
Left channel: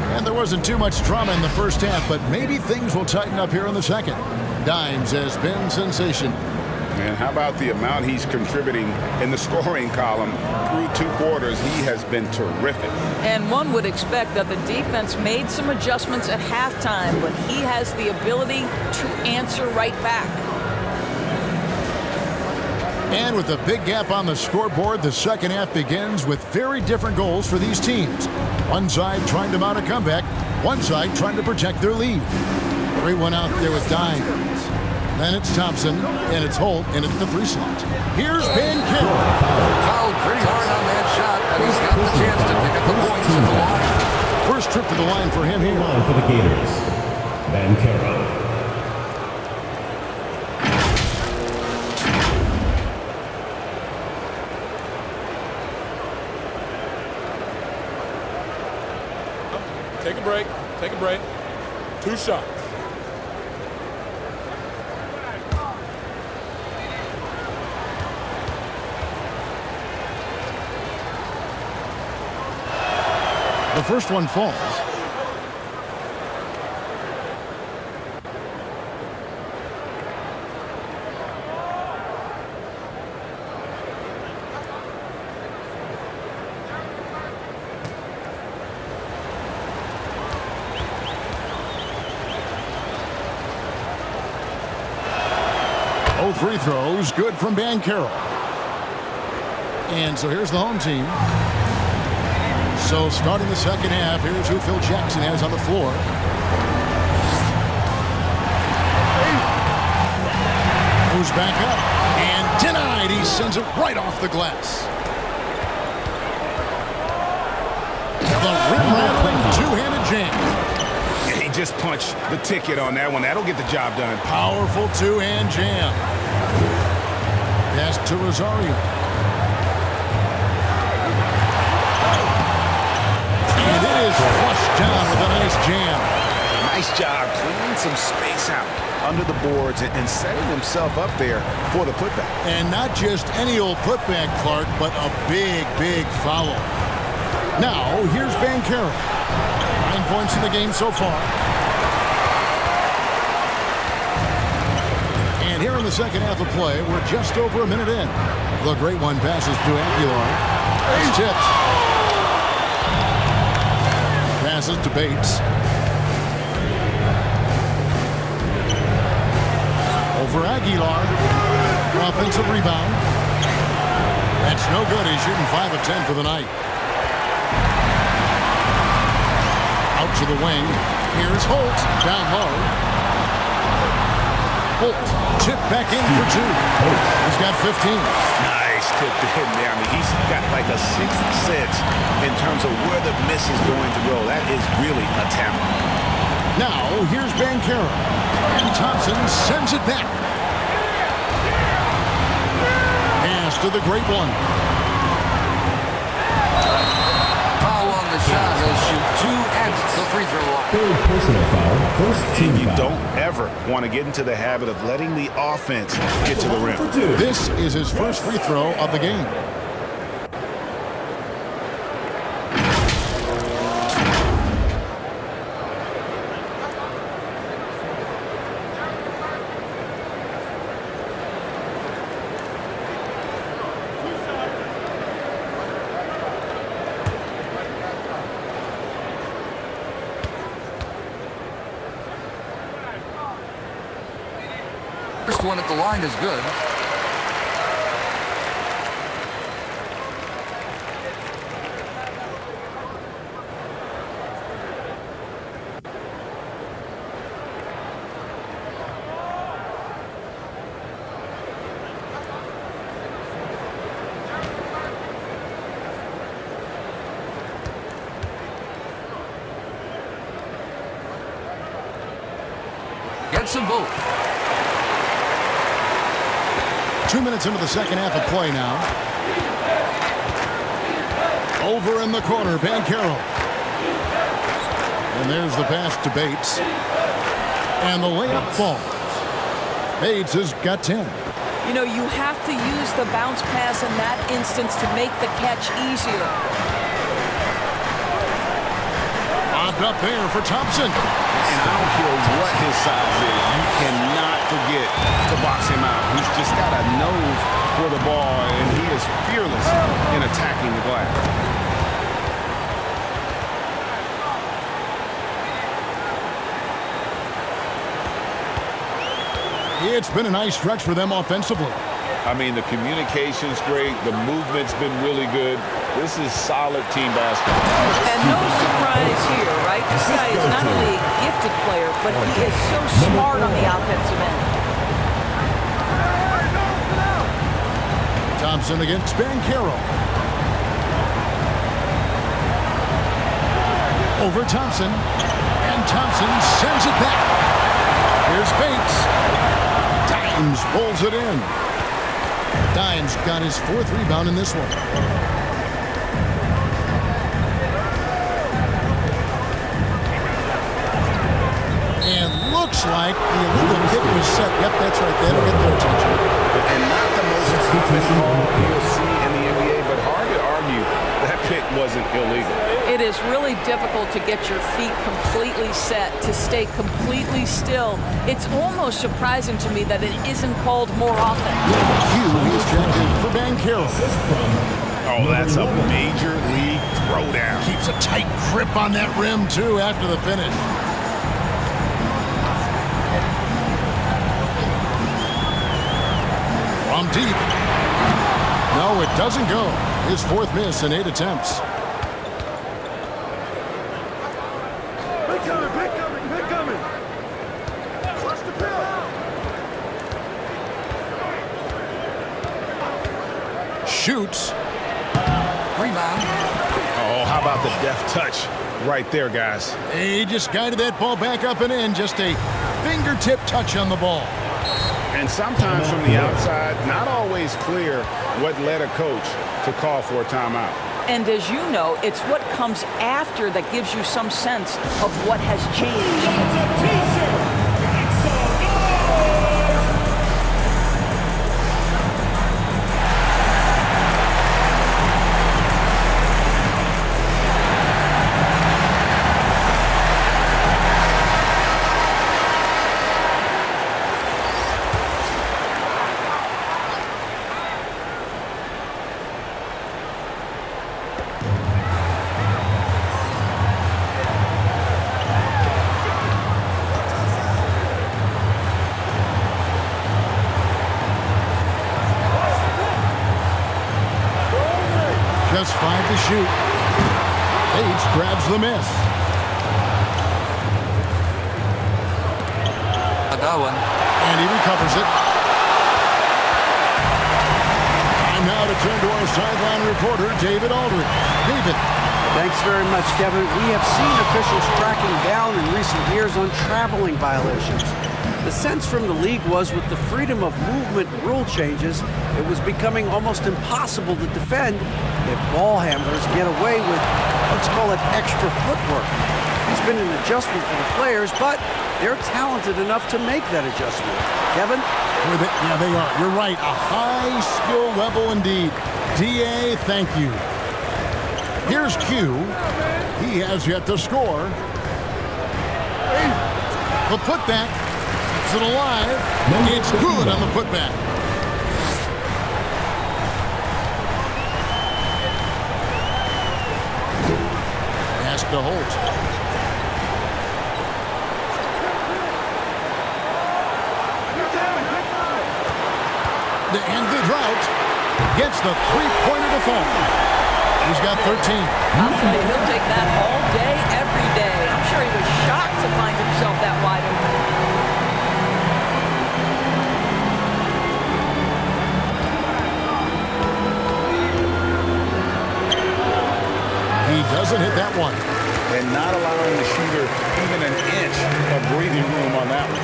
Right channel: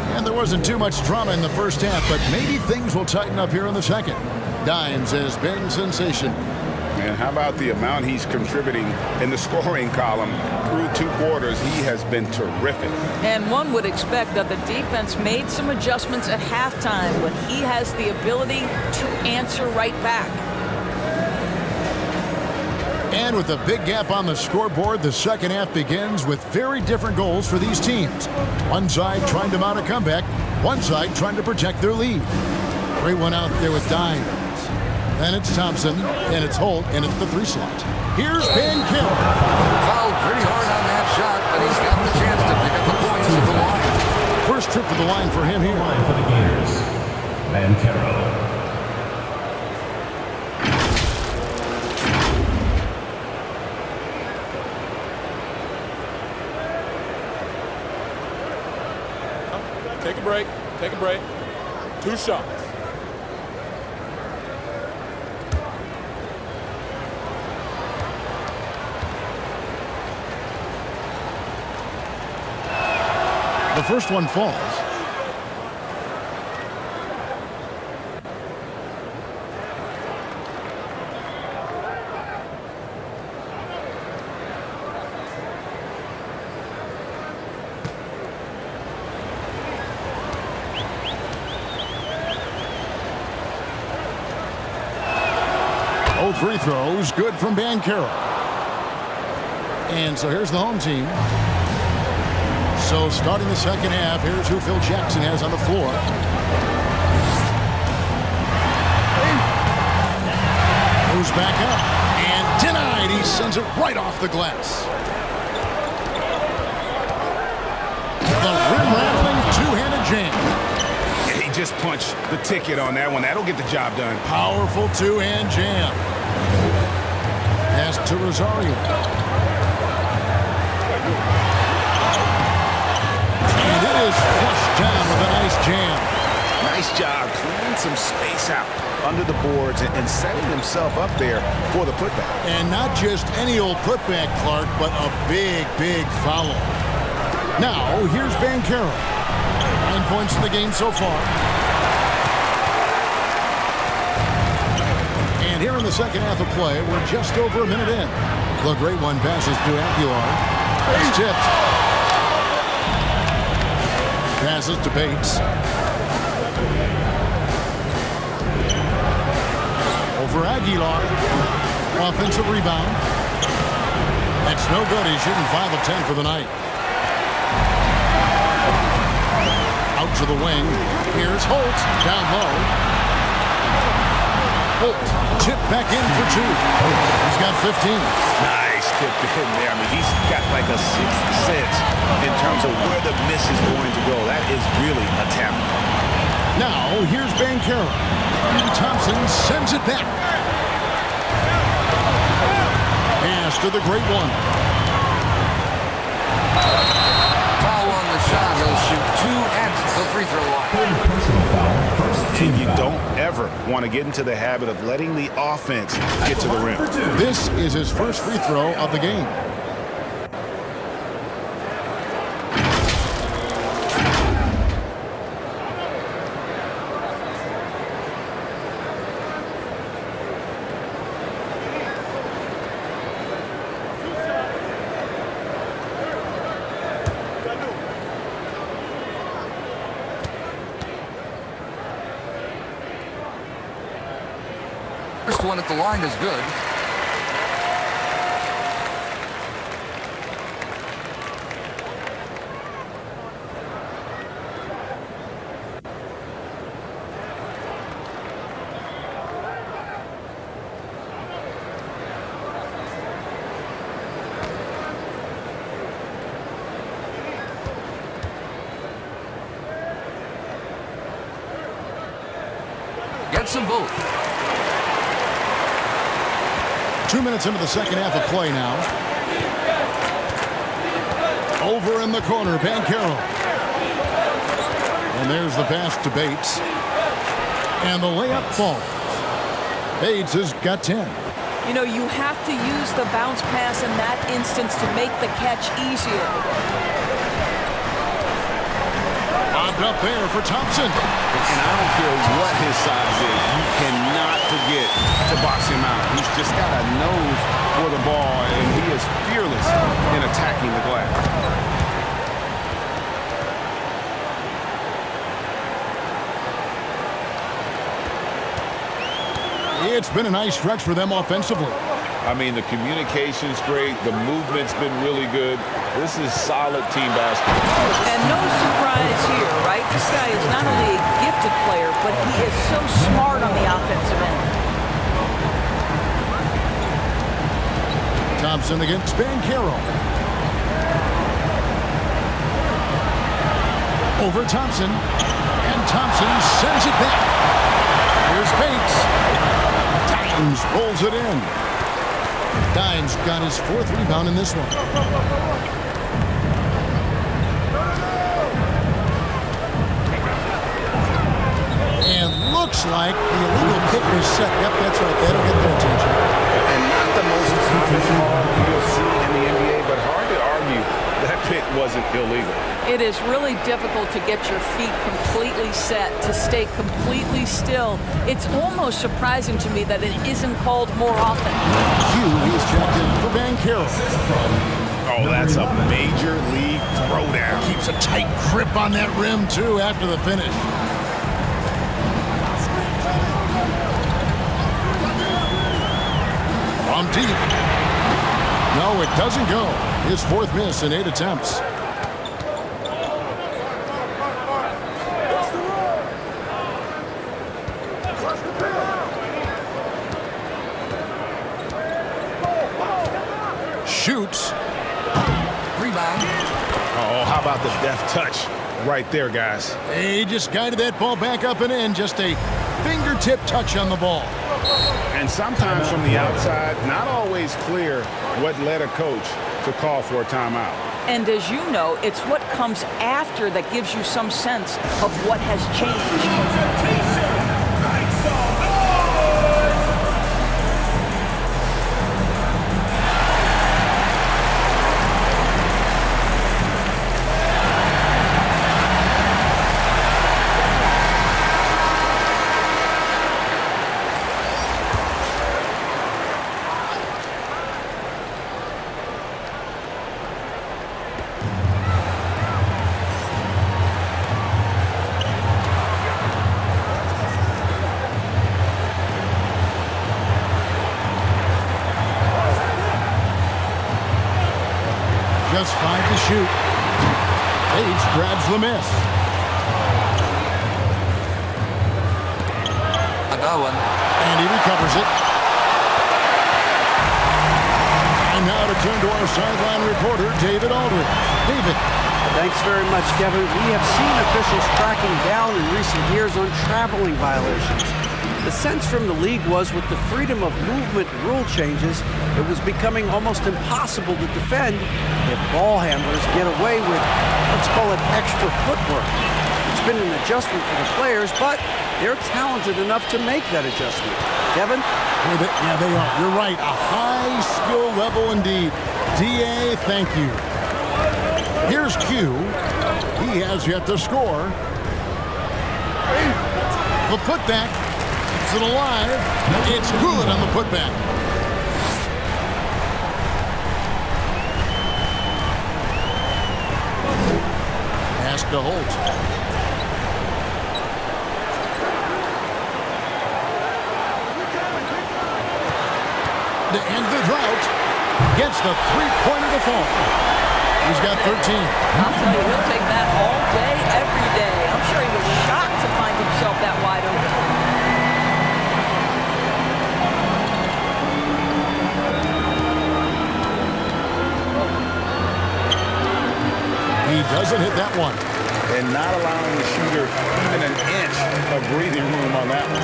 And there wasn't too much drama in the first half, but maybe things will tighten up here in the second. Dimes has been sensational. And how about the amount he's contributing in the scoring column through 2 quarters? He has been terrific. And one would expect that the defense made some adjustments at halftime, but he has the ability to answer right back. And with a big gap on the scoreboard, the second half begins with very different goals for these teams. One side trying to mount a comeback, one side trying to protect their lead. Great one out there with Dimes. Then it's Thompson, and it's Holt, and it's the 3 slot. Here's Bancaro. Fouled pretty hard on that shot, but he's got the chance to pick up the points at the line. First trip to the line for him here. Line for the Gators, Bancaro. Take a break. Take a break. 2 shots. The first one falls. Both free throws good from Bancaro. And so here's the home team. So starting the second half, here's who Phil Jackson has on the floor. Moves back up and denied. He sends it right off the glass. The rim-rattling two-handed jam. Yeah, he just punched the ticket on that one. That'll get the job done. Powerful two-hand jam. Pass to Rosario. And it is flushed down with a nice jam. Nice job cleaning some space out under the boards and setting himself up there for the putback. And not just any old putback, Clark, but a big, big foul. Now, here's Bancaro. 9 points in the game so far. And here in the second half of play, we're just over a minute in. The great one passes to Aguilar. It's tipped. passes to Bates. Over Aguilar. Offensive rebound. That's no good. He's shooting 5 of 10 for the night. Out to the wing. Here's Holt. Down low. Holt. Tip back in for 2. He's got 15. Nice tip in there. I mean, he's got like a sixth sense in terms of where the miss is going to go. That is really a talent. Now, here's Bankero. And Thompson sends it back. Pass to the great one. Foul on the shot. He'll shoot 2 at the free throw line. Third personal foul. First team And you foul. don't ever want to get into the habit of letting the offense get to the rim. This is his first free throw of the game. First one at the line is good. Gets them both. 2 minutes into the second half of play now. Over in the corner, Bankero. And there's the pass to Bates. And the layup falls. Bates has got 10. You know, you have to use the bounce pass in that instance to make the catch easier. Bobbed up there for Thompson. And I don't care what his size is. You cannot forget to box him out. He's just got a nose for the ball, and he is fearless in attacking the glass. It's been a nice stretch for them offensively. I mean, the communication's great. The movement's been really good. This is solid team basketball. And no surprise here, right? This guy is not only a gifted player, but he is so smart on the offensive end. Thompson against Bankero. Over Thompson. And Thompson sends it back. Here's Bates. Dimes pulls it in. Dimes got his 4th rebound in this one. And looks like the illegal pick was set. Yep, that's right. That'll get their attention. And not the most common call you'll see in the NBA, but hard to argue that pick wasn't illegal. It is really difficult to get your feet completely set, to stay completely still. It's almost surprising to me that it isn't called more often. Q is checked in for Bankero. Oh, that's a major league throwdown. Keeps a tight grip on that rim, too, after the finish. From deep. No, it doesn't go. His 4th miss in 8 attempts. Shoots. Rebound. Oh, how about the deft touch right there, guys? He just guided that ball back up and in. Just a fingertip touch on the ball. And sometimes from the outside, not always clear what led a coach to call for a timeout. And as you know, it's what comes after that gives you some sense of what has changed. Just 5 to shoot. Bates grabs the miss. Agawan. And he recovers it. Time now to turn to our sideline reporter, David Aldridge. David. Thanks very much, Kevin. We have seen officials cracking down in recent years on traveling violations. The sense from the league was with the freedom of movement rule changes, it was becoming almost impossible to defend if ball handlers get away with, let's call it, extra footwork. It's been an adjustment for the players, but they're talented enough to make that adjustment. Kevin? Yeah, they are. You're right. A high skill level indeed. DA, thank you. Here's Q. He has yet to score. The putback. Keeps it alive. It's good on the putback. Pass to Holt. To end the drought, gets the three-pointer to fall. He's got 13. I'll tell you, he'll take that all day, every day. I'm sure he was shocked to find himself that wide open. He doesn't hit that one. And not allowing the shooter even an inch of breathing room on that one.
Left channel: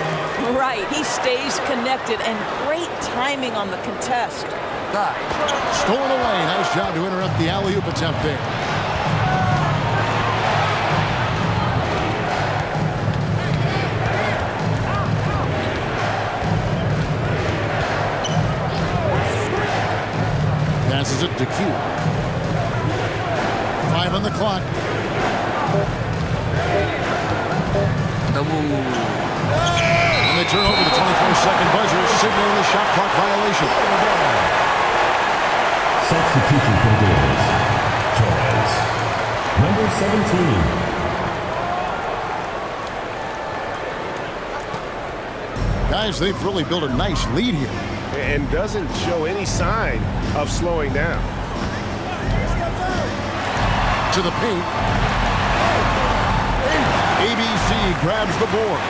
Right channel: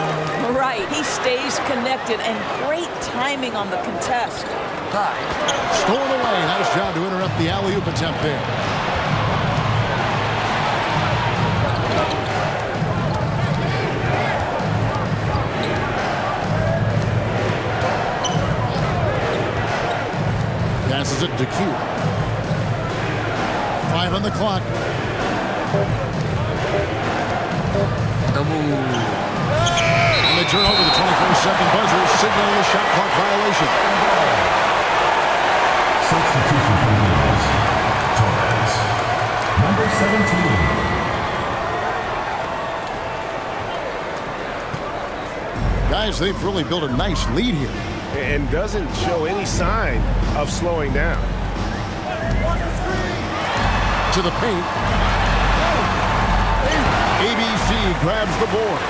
Right, he stays connected, and great timing on the contest. Stolen away. Nice job to interrupt the alley-oop attempt there. Passes it to Q. 5 on the clock. And they turn over the 24-second buzzer, signaling the shot clock violation. Substitution for Gilas. Torres, number 17. Guys, they've really built a nice lead here. And doesn't show any sign of slowing down. To the paint. ABC grabs the board.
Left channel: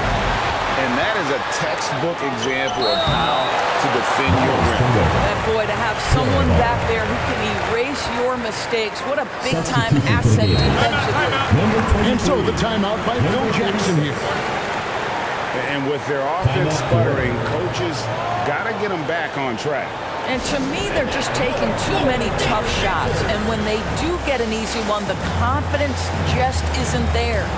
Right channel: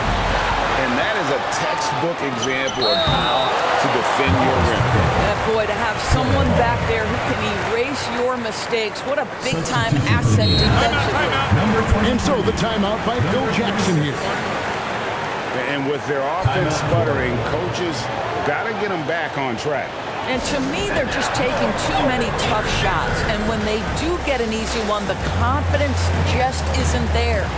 And that is a textbook example of how to defend your rim. Yeah, boy, to have someone back there who can erase your mistakes. What a big-time asset defensively. And so the timeout by Phil Jackson here. And with their offense sputtering, coaches got to get them back on track. And to me, they're just taking too many tough shots. And when they do get an easy one, the confidence just isn't there.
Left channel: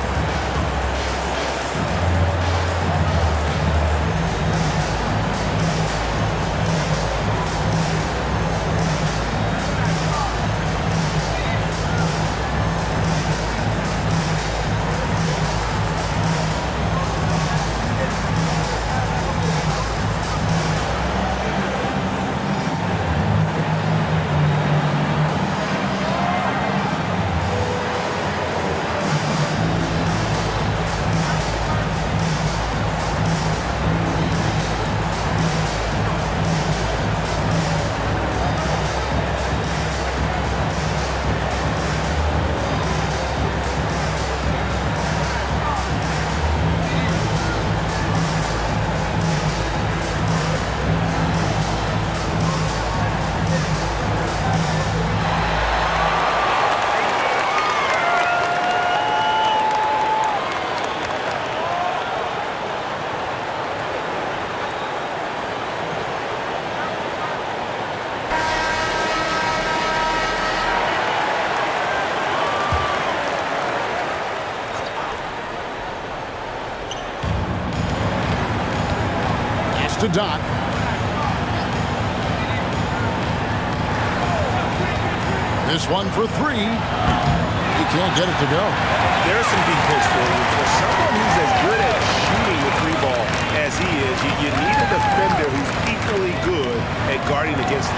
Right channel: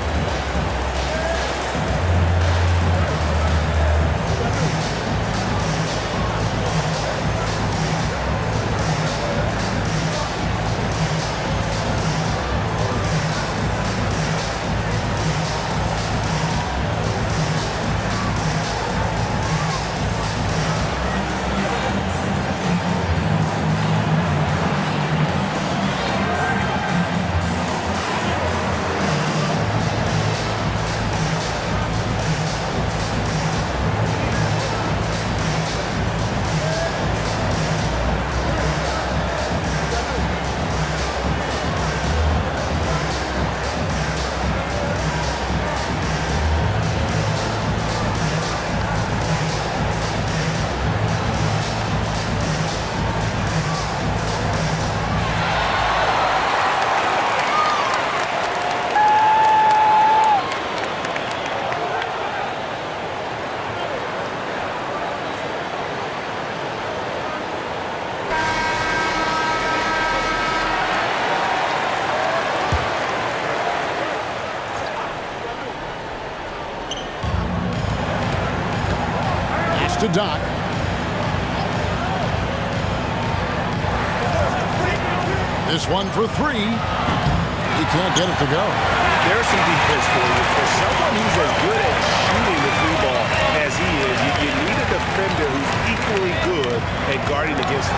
To Doc. This one for 3. He can't get it to go. There's some defense for you. For someone who's as good at shooting the 3-ball as he is, you need a defender who's equally good at guarding against him.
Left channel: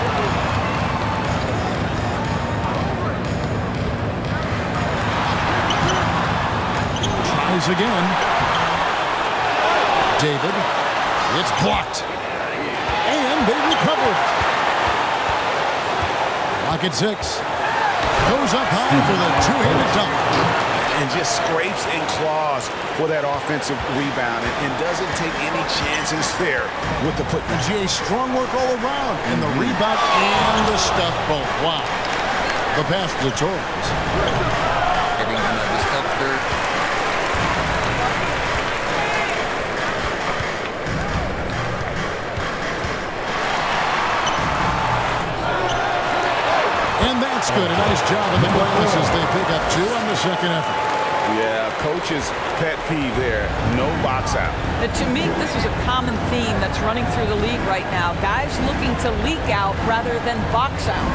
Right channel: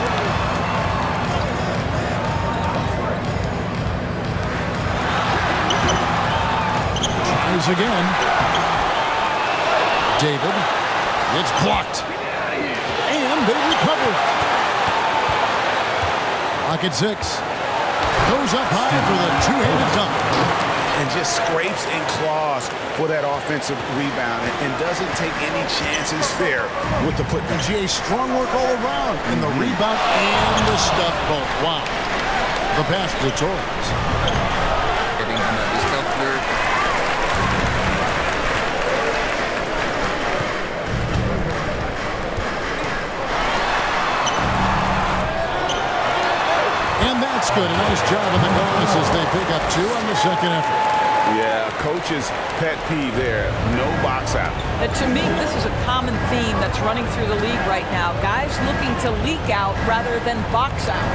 Tries again. David. It's blocked. And they recover it. Clock at 6. Goes up high for the two-handed dunk. And just scrapes and claws for that offensive rebound and doesn't take any chances there with the putback. GA strong work all around, and the rebound and the stuff both. Wow. The pass to Torres. Getting another stuff there. And that's good. A nice job in the glass as they pick up 2 on the second effort. Yeah, coach's pet peeve there. No box out. To me, this is a common theme that's running through the league right now. Guys looking to leak out rather than box out.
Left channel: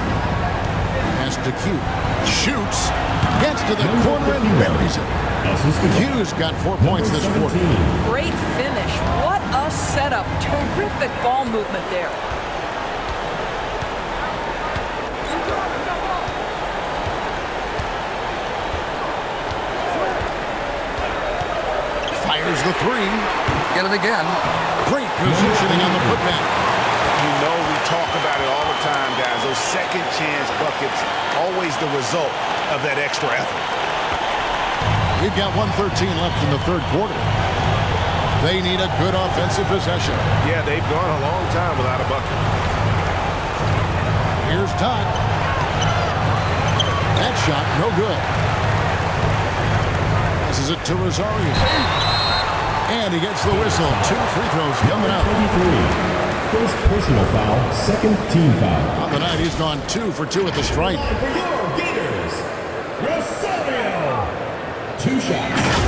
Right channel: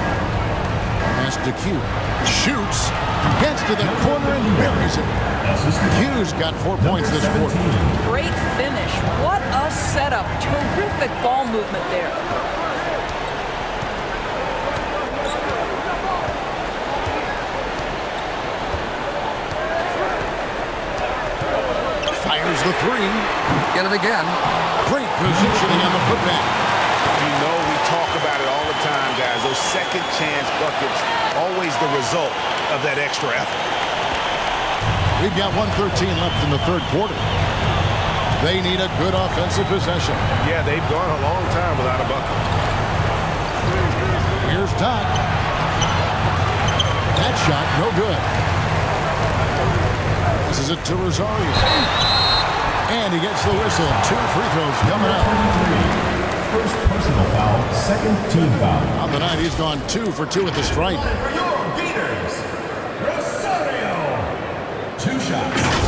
Pass to Q. Shoots. Gets to the corner and buries it. Q's got 4 points this quarter. Great finish. What a setup. Terrific ball movement there. Fires the 3. Get it again. Great positioning on the putback. You know we talk about it all the time, guys. Those second chance buckets, always the result of that extra effort. We've got 1:13 left in the third quarter. They need a good offensive possession. Yeah, they've gone a long time without a bucket. Here's Doc. That shot, no good. Passes it to Rosario. And he gets the whistle. 2 free throws coming up. 23. First personal foul, second team foul. On the night, he's gone 2 for 2 at the stripe. For your Gators, Rosario. 2 shots.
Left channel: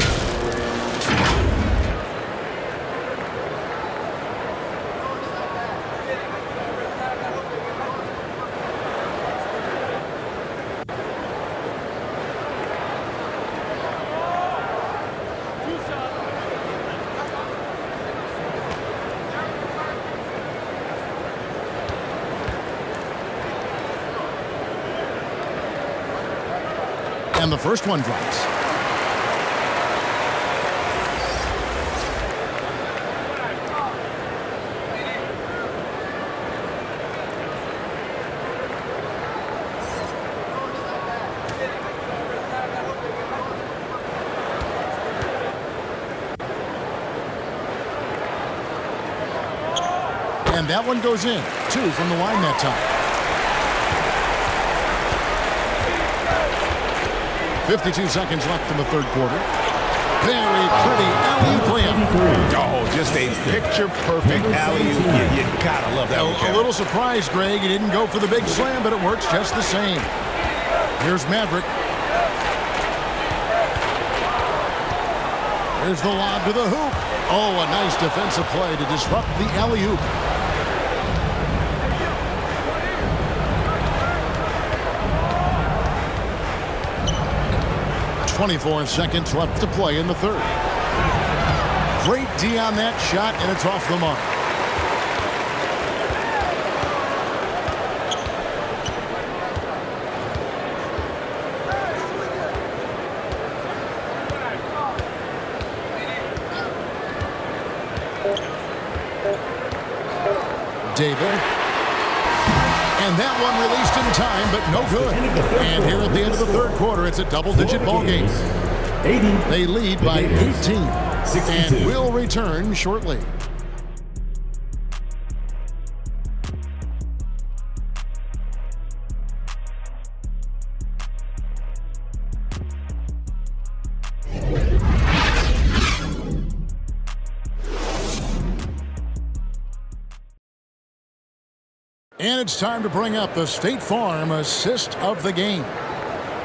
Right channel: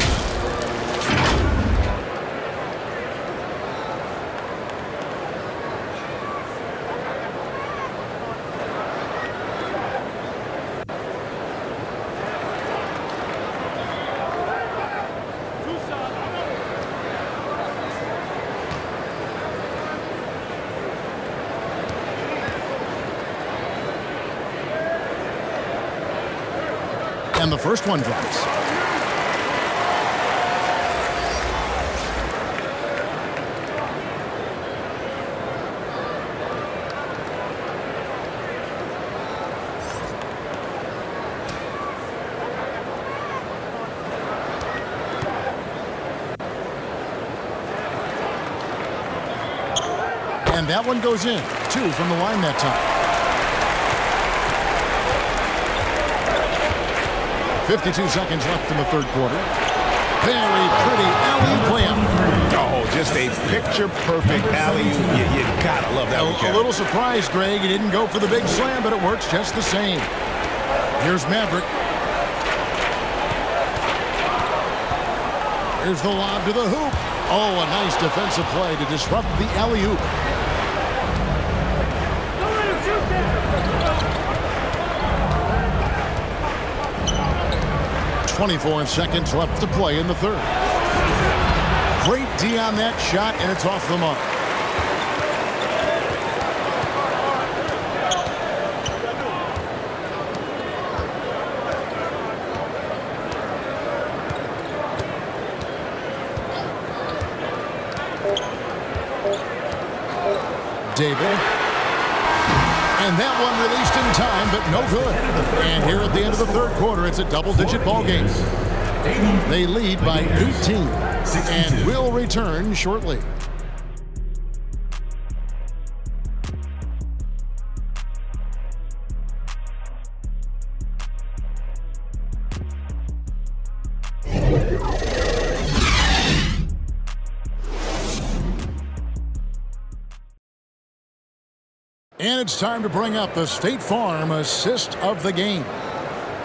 And the first one drops. And that one goes in. 2 from the line that time. 52 seconds left in the third quarter. Very pretty alley-oop layup. Oh, just a picture-perfect alley-oop. You gotta love that one, Kevin. A little surprise, Greg. He didn't go for the big slam, but it works just the same. Here's Maverick. Here's the lob to the hoop. Oh, a nice defensive play to disrupt the alley-oop. .24 seconds left to play in the third. Great D on that shot, and it's off the mark. David. And that one released in time, but no good. And here at the end of the third quarter, it's a double-digit ball game. They lead by 18 and will return shortly. And it's time to bring up the State Farm assist of the game.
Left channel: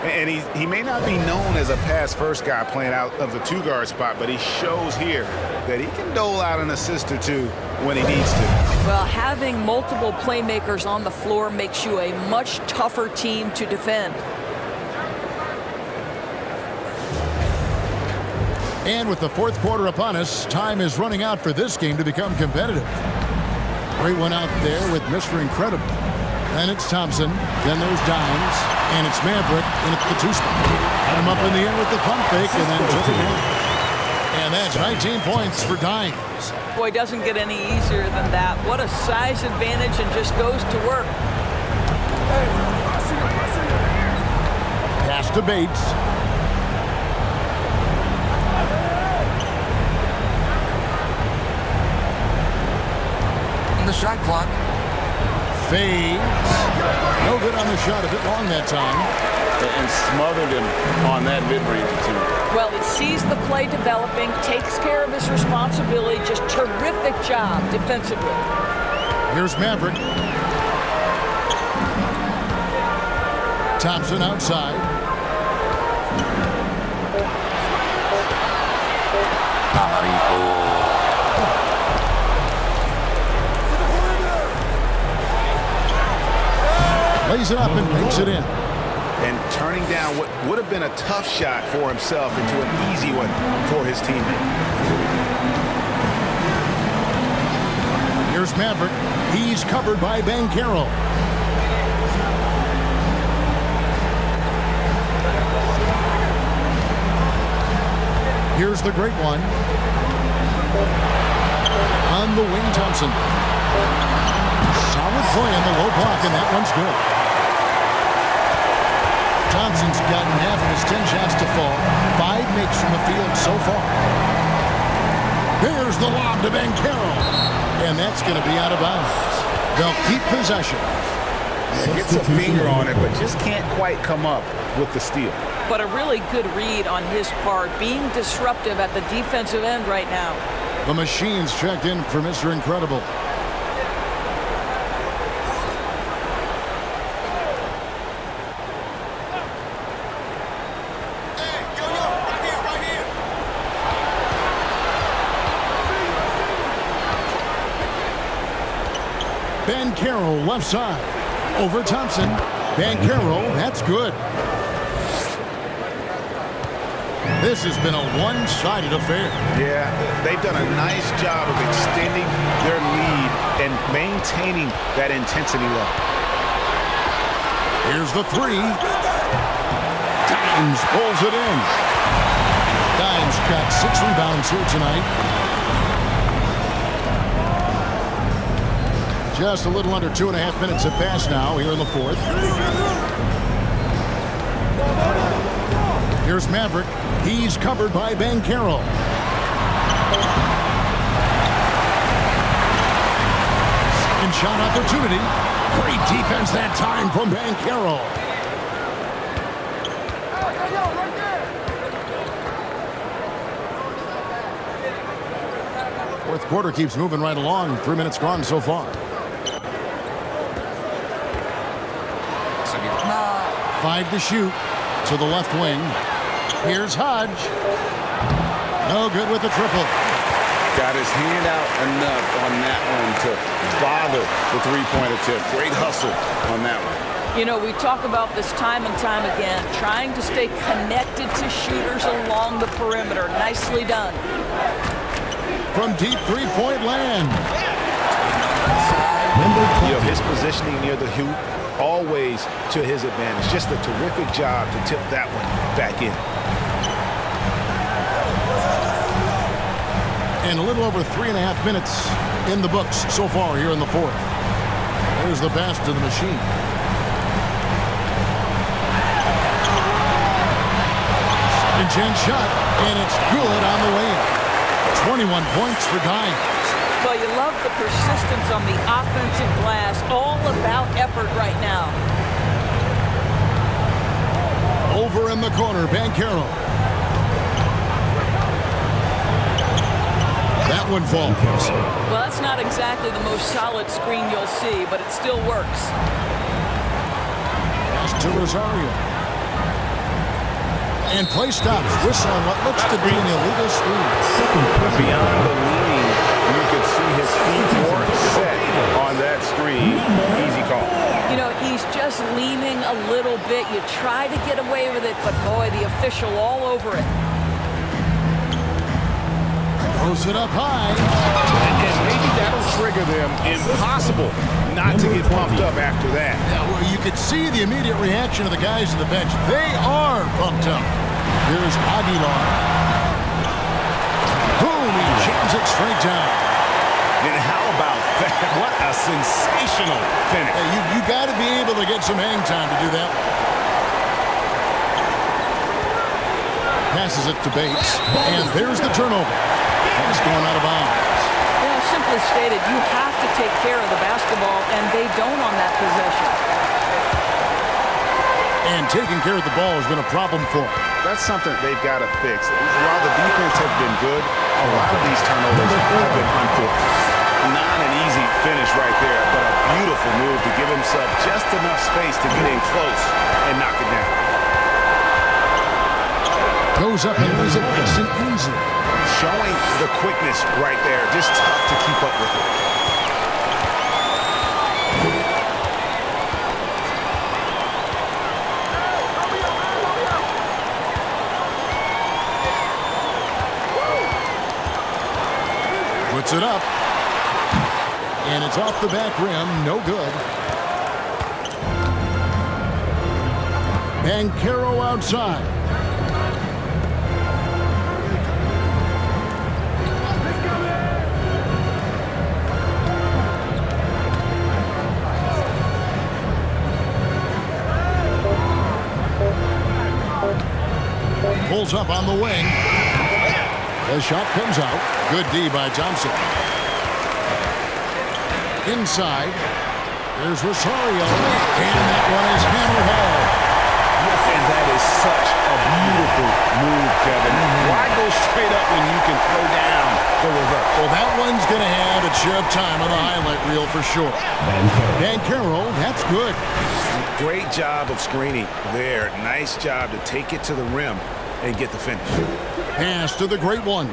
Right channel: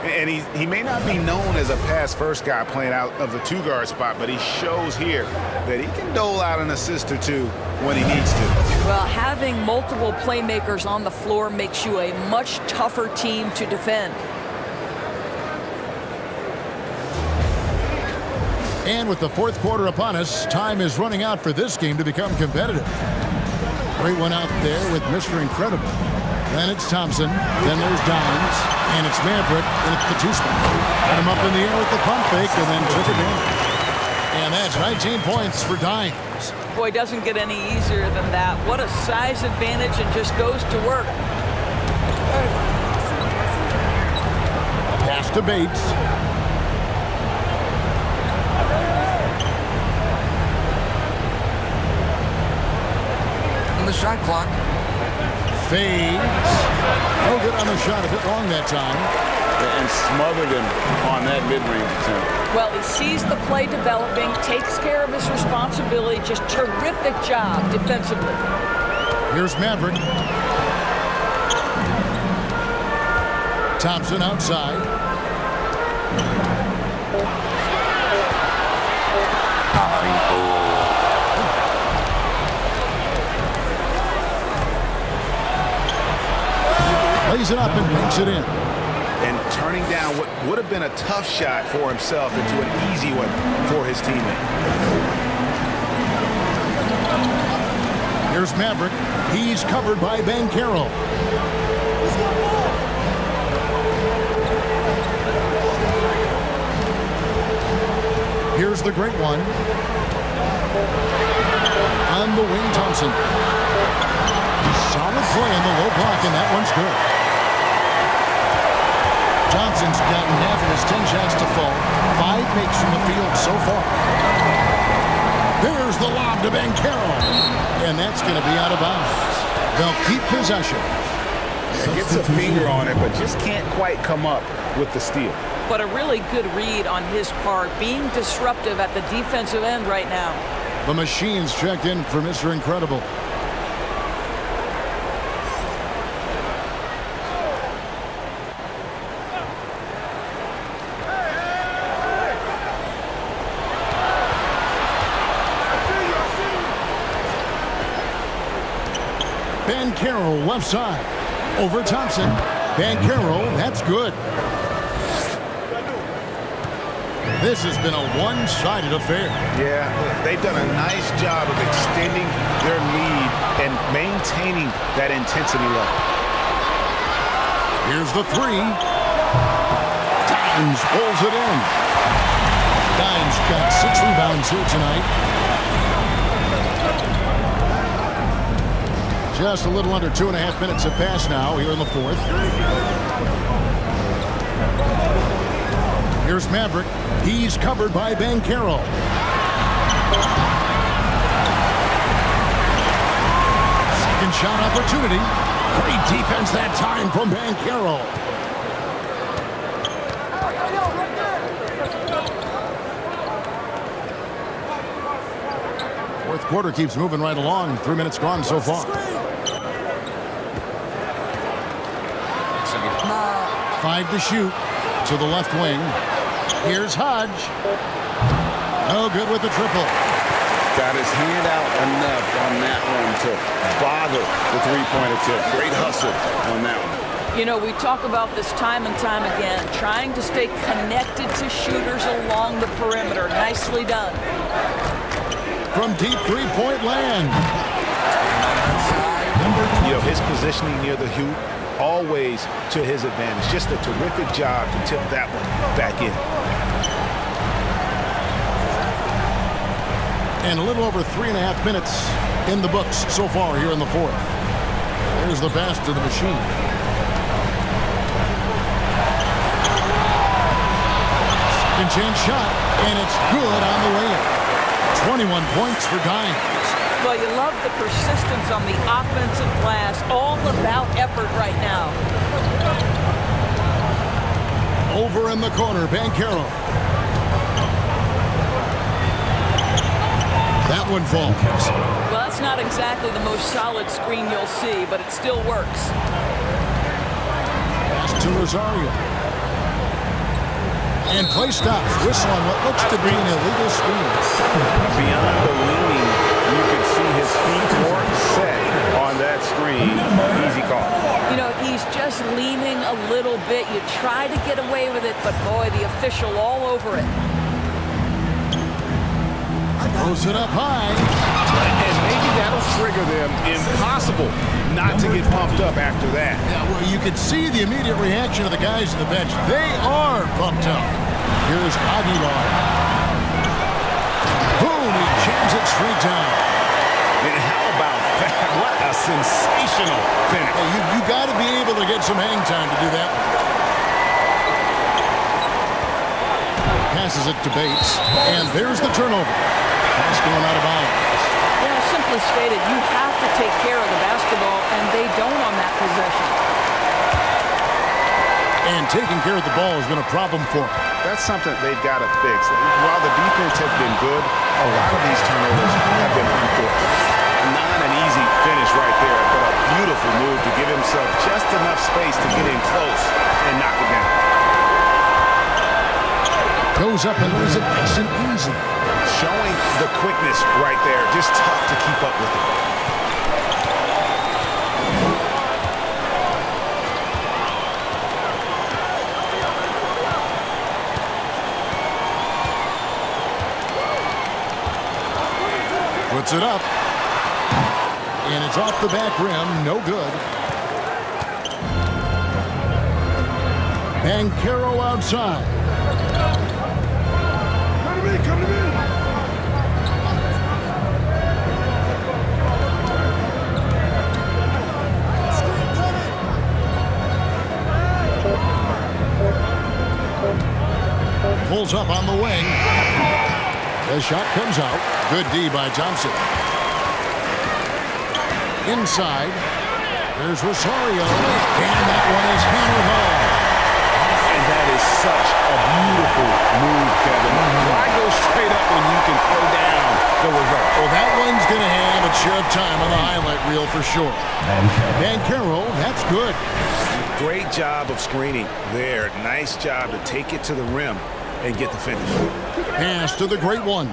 And he may not be known as a pass-first guy playing out of the 2-guard spot, but he shows here that he can dole out an assist or 2 when he needs to. Well, having multiple playmakers on the floor makes you a much tougher team to defend. And with the fourth quarter upon us, time is running out for this game to become competitive. Great one out there with Mr. Incredible. Then it's Thompson. Then there's Dimes. And it's Maverick. And it's the 2 spot. Put him up in the air with the pump fake and then took advantage. And that's 19 points for Dimes. Boy, doesn't get any easier than that. What a size advantage, and just goes to work. Pass to Bates. On the shot clock. Fades. No good on the shot. A bit long that time. And smothered him on that mid-range attempt. Well, he sees the play developing, takes care of his responsibility. Just terrific job defensively. Here's Maverick. Thompson outside. Lays it up and banks it in. And turning down what would have been a tough shot for himself into an easy one for his teammate. Here's Maverick. He's covered by Banchero. Here's the great one. On the wing, Thompson. Solid play in the low block, and that one's good. Thompson's gotten half of his 10 shots to fall. 5 makes from the field so far. There's the lob to Banchero. And that's going to be out of bounds. They'll keep possession. Yeah, gets a finger on it, but just can't quite come up with the steal. But a really good read on his part, being disruptive at the defensive end right now. The machine's checked in for Mr. Incredible. Banchero left side. Over Thompson. Banchero, that's good. This has been a one-sided affair. Yeah, they've done a nice job of extending their lead and maintaining that intensity level. Here's the 3. Dimes pulls it in. Dimes got 6 rebounds here tonight. Just a little under 2.5 minutes have passed now here in the 4th. Here's Maverick. He's covered by Banchero. Second shot opportunity. Great defense that time from Banchero. Fourth quarter keeps moving right along. 3 minutes gone so far. 5 to shoot to the left wing. Here's Hodge. No good with the triple. Got his hand out enough on that one to bother the three-point attempt. Great hustle on that one. You know, we talk about this time and time again, trying to stay connected to shooters along the perimeter. Nicely done. From deep three-point land. You know, his positioning near the hoop, always to his advantage. Just a terrific job to tip that one back in. And a little over 3.5 minutes in the books so far here in the 4th. There's the pass to the machine. Second chance shot, and it's good on the way in. 21 points for Dimes. Well, you love the persistence on the offensive glass. All about effort right now. Over in the corner, Banchero. That one falls. Well, that's not exactly the most solid screen you'll see, but it still works. Pass to Rosario. And play stops. Whistle on what looks to be an illegal screen. Beyond the leaning, you could see his feet weren't set on that screen. Easy call. You know, he's just leaning a little bit. You try to get away with it, but boy, the official all over it. Throws it up high. And maybe that'll trigger them. Impossible not to get pumped up after that. Yeah, well, you could see the immediate reaction of the guys on the bench. They are pumped up. Here's Aguilar. Boom, he jams it straight down. And how about that? What a sensational finish. Hey, you got to be able to get some hang time to do that one. passes it to Bates. And there's the turnover. Pass going out of bounds. Yeah, simply stated, you have to take care of the basketball, and they don't on that possession. And taking care of the ball has been a problem for them. That's something they've got to fix. While the defense has been good, a lot of these turnovers have been unfortunate. Not an easy finish right there, but a beautiful move to give himself just enough space to get in close and knock it down. Goes up and lays it nice and easy. Showing the quickness right there. Just tough to keep up with it. Puts it up. And it's off the back rim. No good. Bancaro outside. Come to me. Pulls up on the wing. The shot comes out. Good D by Thompson. Inside. There's Rosario. And that one is hammered home. And that is such a beautiful move, Kevin. Why go straight up when you can throw down the reverse? Well, that one's going to have its share of time on the highlight reel for sure. Bancaro, that's good. Great job of screening there. Nice job to take it to the rim and get the finish. Pass to the great one.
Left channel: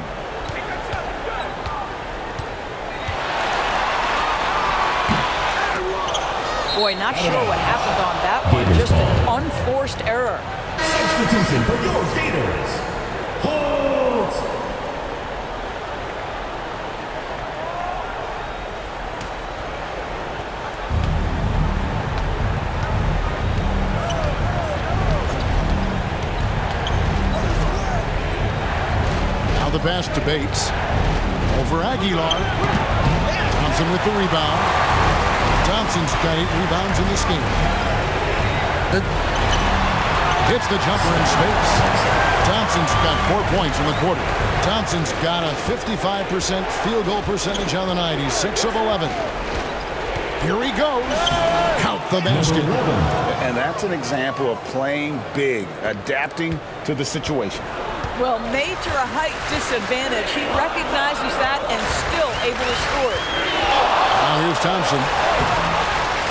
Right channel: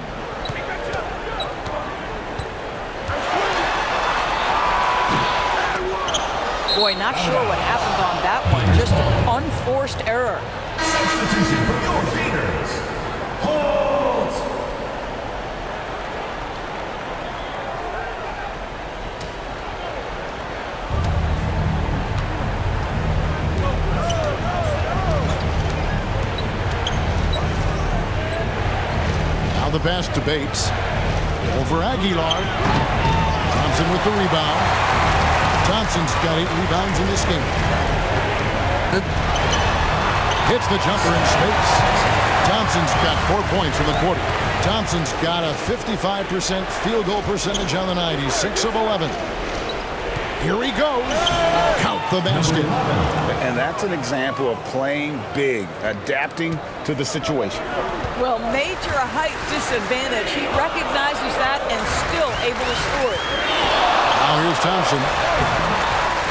Boy, not sure what happened on that one. Just an unforced error. Substitution for your Gators. Hold! Now the pass to Bates. Over Aguilar. Thompson with the rebound. Thompson's got 8 rebounds in this game. Hits the jumper in space. Thompson's got 4 points in the quarter. Thompson's got a 55% field goal percentage on the night. He's 6 of 11. Here he goes. Count the basket. And that's an example of playing big, adapting to the situation. Well, major height disadvantage. He recognizes that and still able to score it. Now here's Thompson.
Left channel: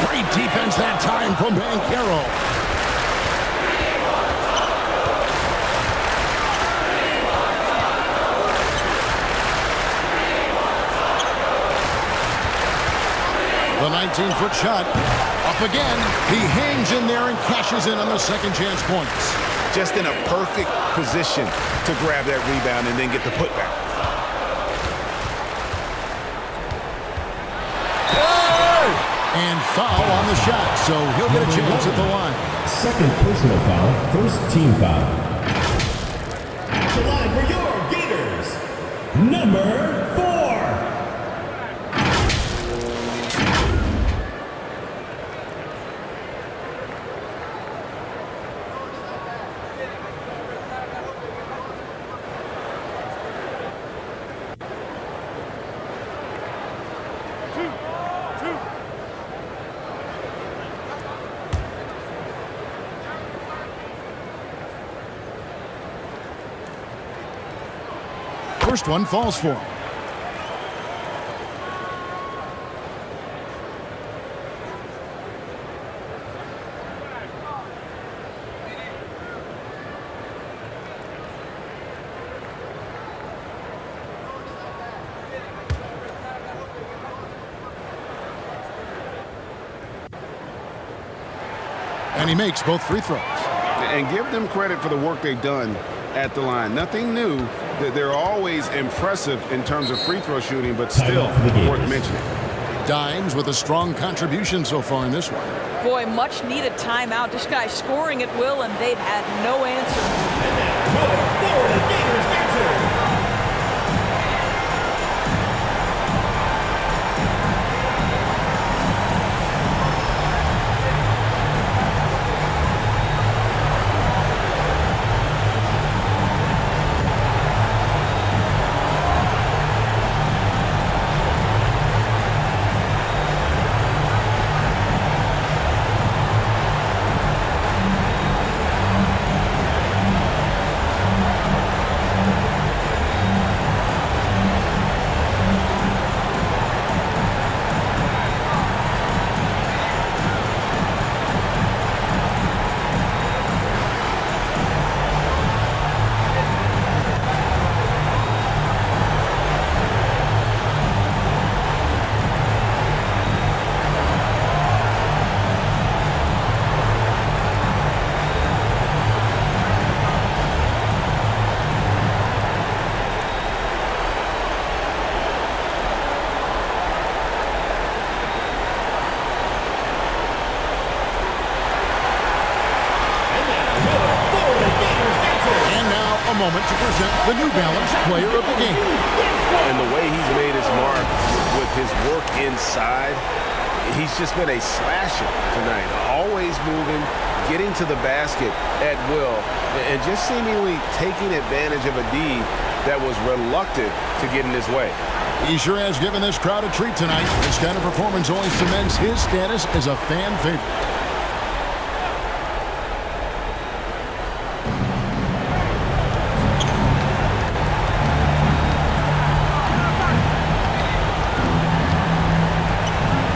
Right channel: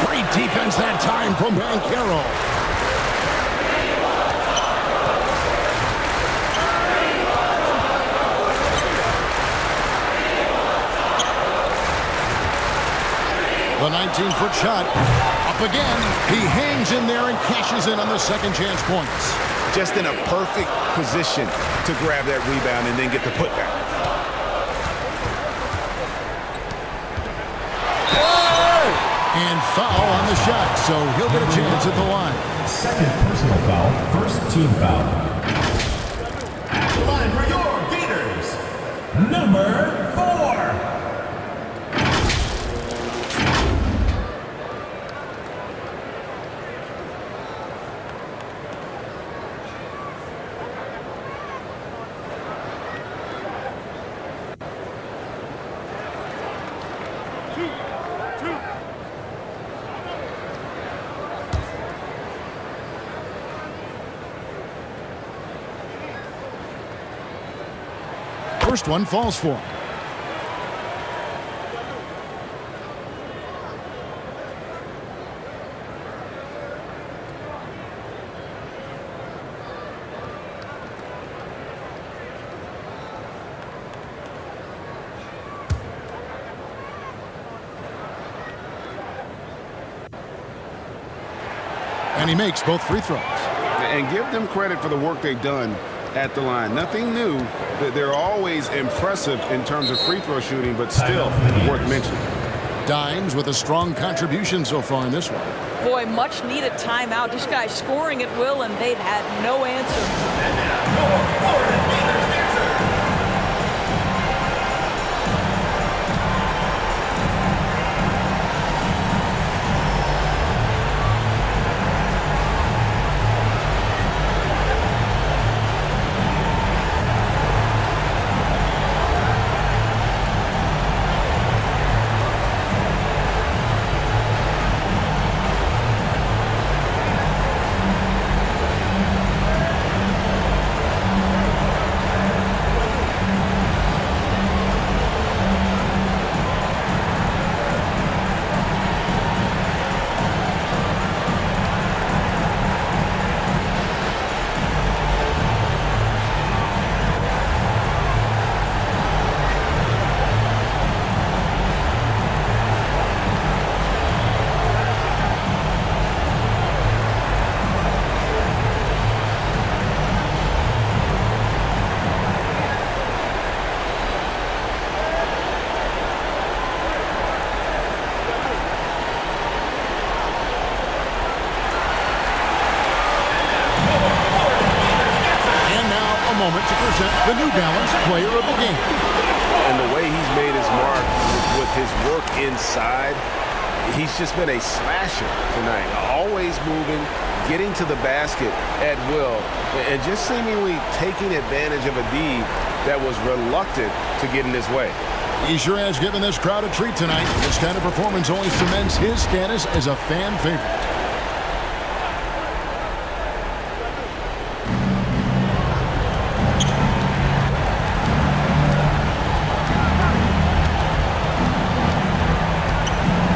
Great defense that time from Bancaro. The 19-foot shot up again. He hangs in there and cashes in on the second chance points. Just in a perfect position to grab that rebound and then get the putback. And foul on the shot, so he'll get a chance at the line. Second personal foul, first team foul. At the line for your Gators, number 4. First one falls for him. And he makes both free throws. And give them credit for the work they've done at the line. Nothing new. They're always impressive in terms of free throw shooting, but still worth mentioning. Dimes with a strong contribution so far in this one. Boy, much needed timeout. This guy's scoring at will, and they've had no answer. And now, your Florida Gators dancer. a moment to present the New Balance Player of the Game. And the way he's made his mark with his work inside, he's just been a slasher tonight. Always moving, getting to the basket at will, and just seemingly taking advantage of a D that was reluctant to get in his way. He sure has given this crowd a treat tonight. This kind of performance only cements his status as a fan favorite.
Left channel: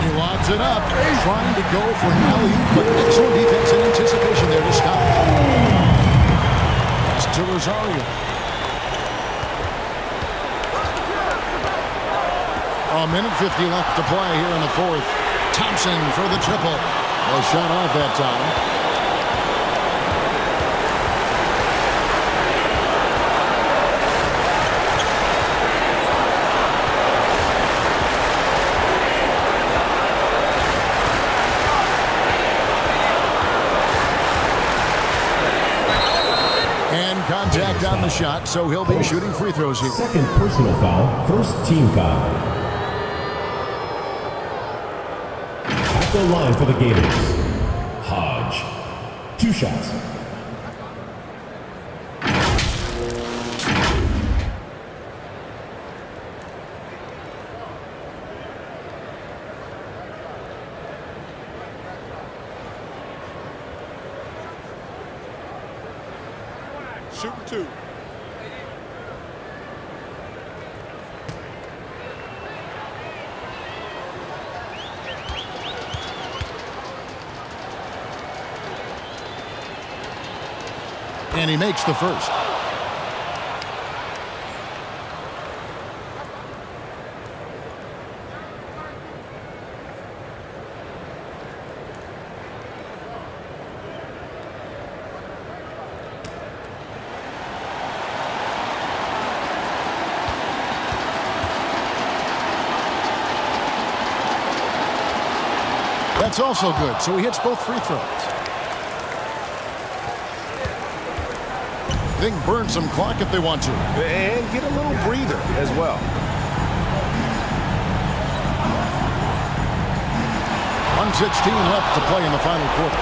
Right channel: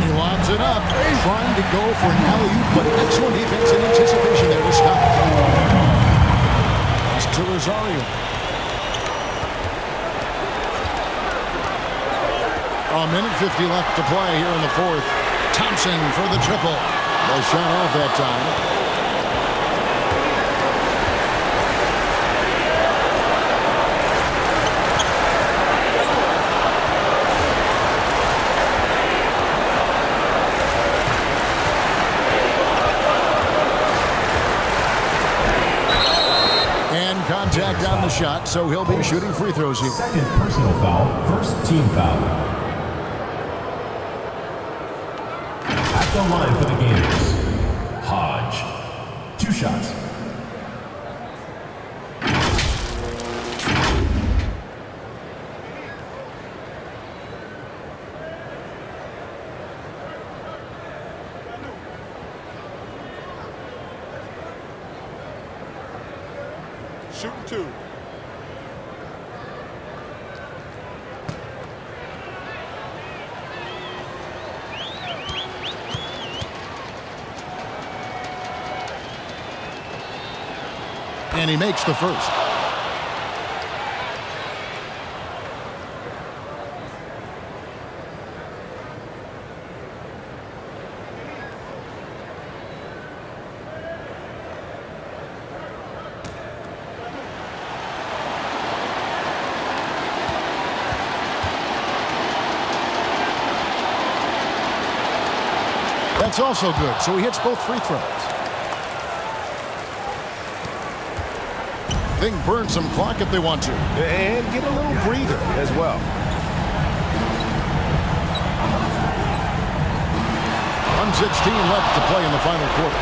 He lobs it up, trying to go for an alley-oop, but excellent defense and anticipation there to stop. Pass to Rosario. A minute 50 left to play here in the fourth. Thompson for the triple. A shot off that time. And contact on the shot, so he'll be shooting free throws here. Second personal foul, first team foul. At the line for the Gators, Hodge. 2 shots. Shooting 2. And he makes the first. That's also good, so he hits both free throws. They can burn some clock if they want to. And get a little breather as well. .116 left to play in the final quarter.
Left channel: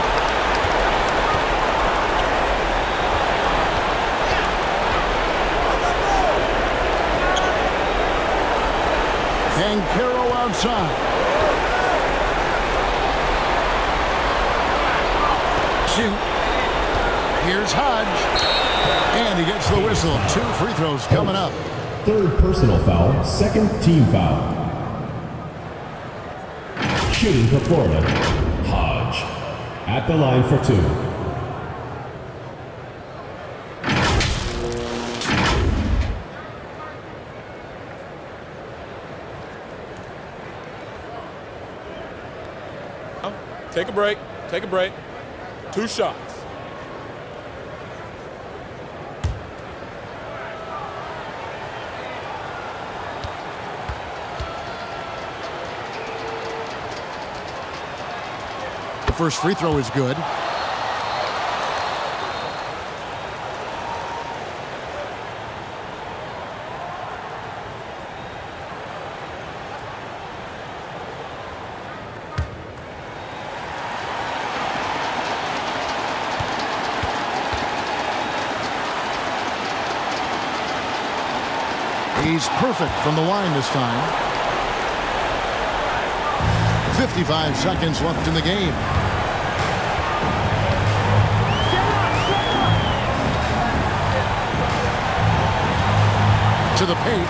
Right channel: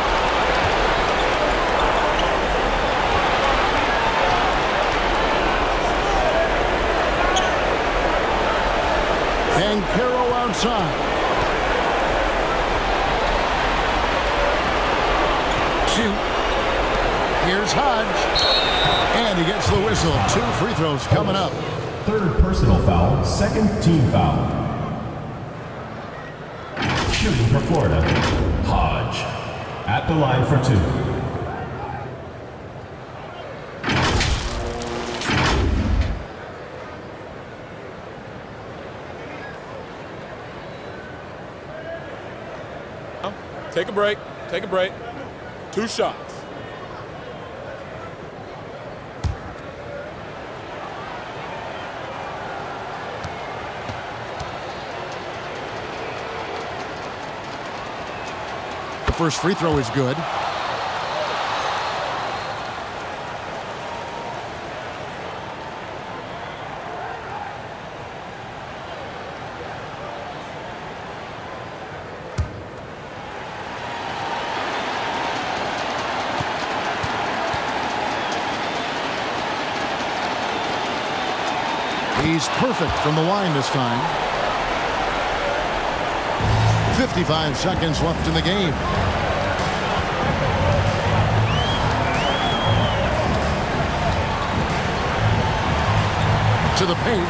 And Caro outside. Shoot. Here's Hodge. And he gets the whistle. 2 free throws coming up. Third personal foul, second team foul. Shooting for Florida, Hodge. At the line for 2. Take a break. Take a break. 2 shots. The first free throw is good. He's perfect from the line this time. 55 seconds left in the game. To the paint.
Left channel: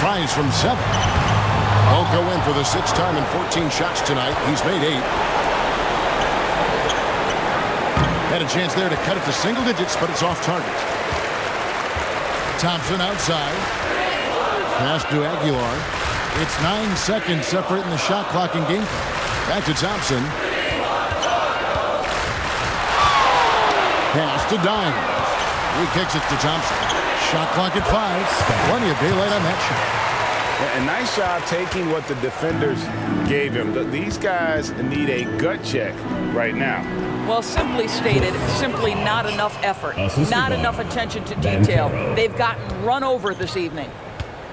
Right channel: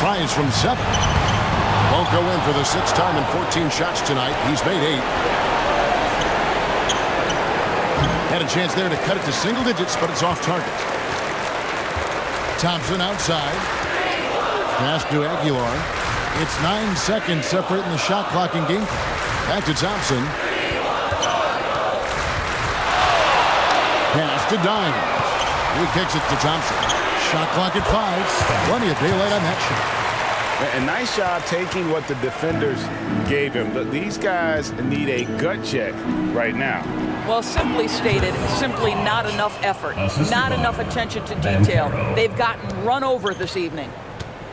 Tries from 7. Won't go in for the 6th time in 14 shots tonight. He's made 8. Had a chance there to cut it to single digits, but it's off target. Thompson outside. Pass to Aguilar. It's 9 seconds separating the shot clock and game clock. Back to Thompson. Pass to Dimes. He kicks it to Thompson. Shot clock at 5. Plenty of daylight on that shot. A nice job taking what the defenders gave him. These guys need a gut check right now. Well, simply stated, simply not enough effort, not enough attention to detail. They've gotten run over this evening.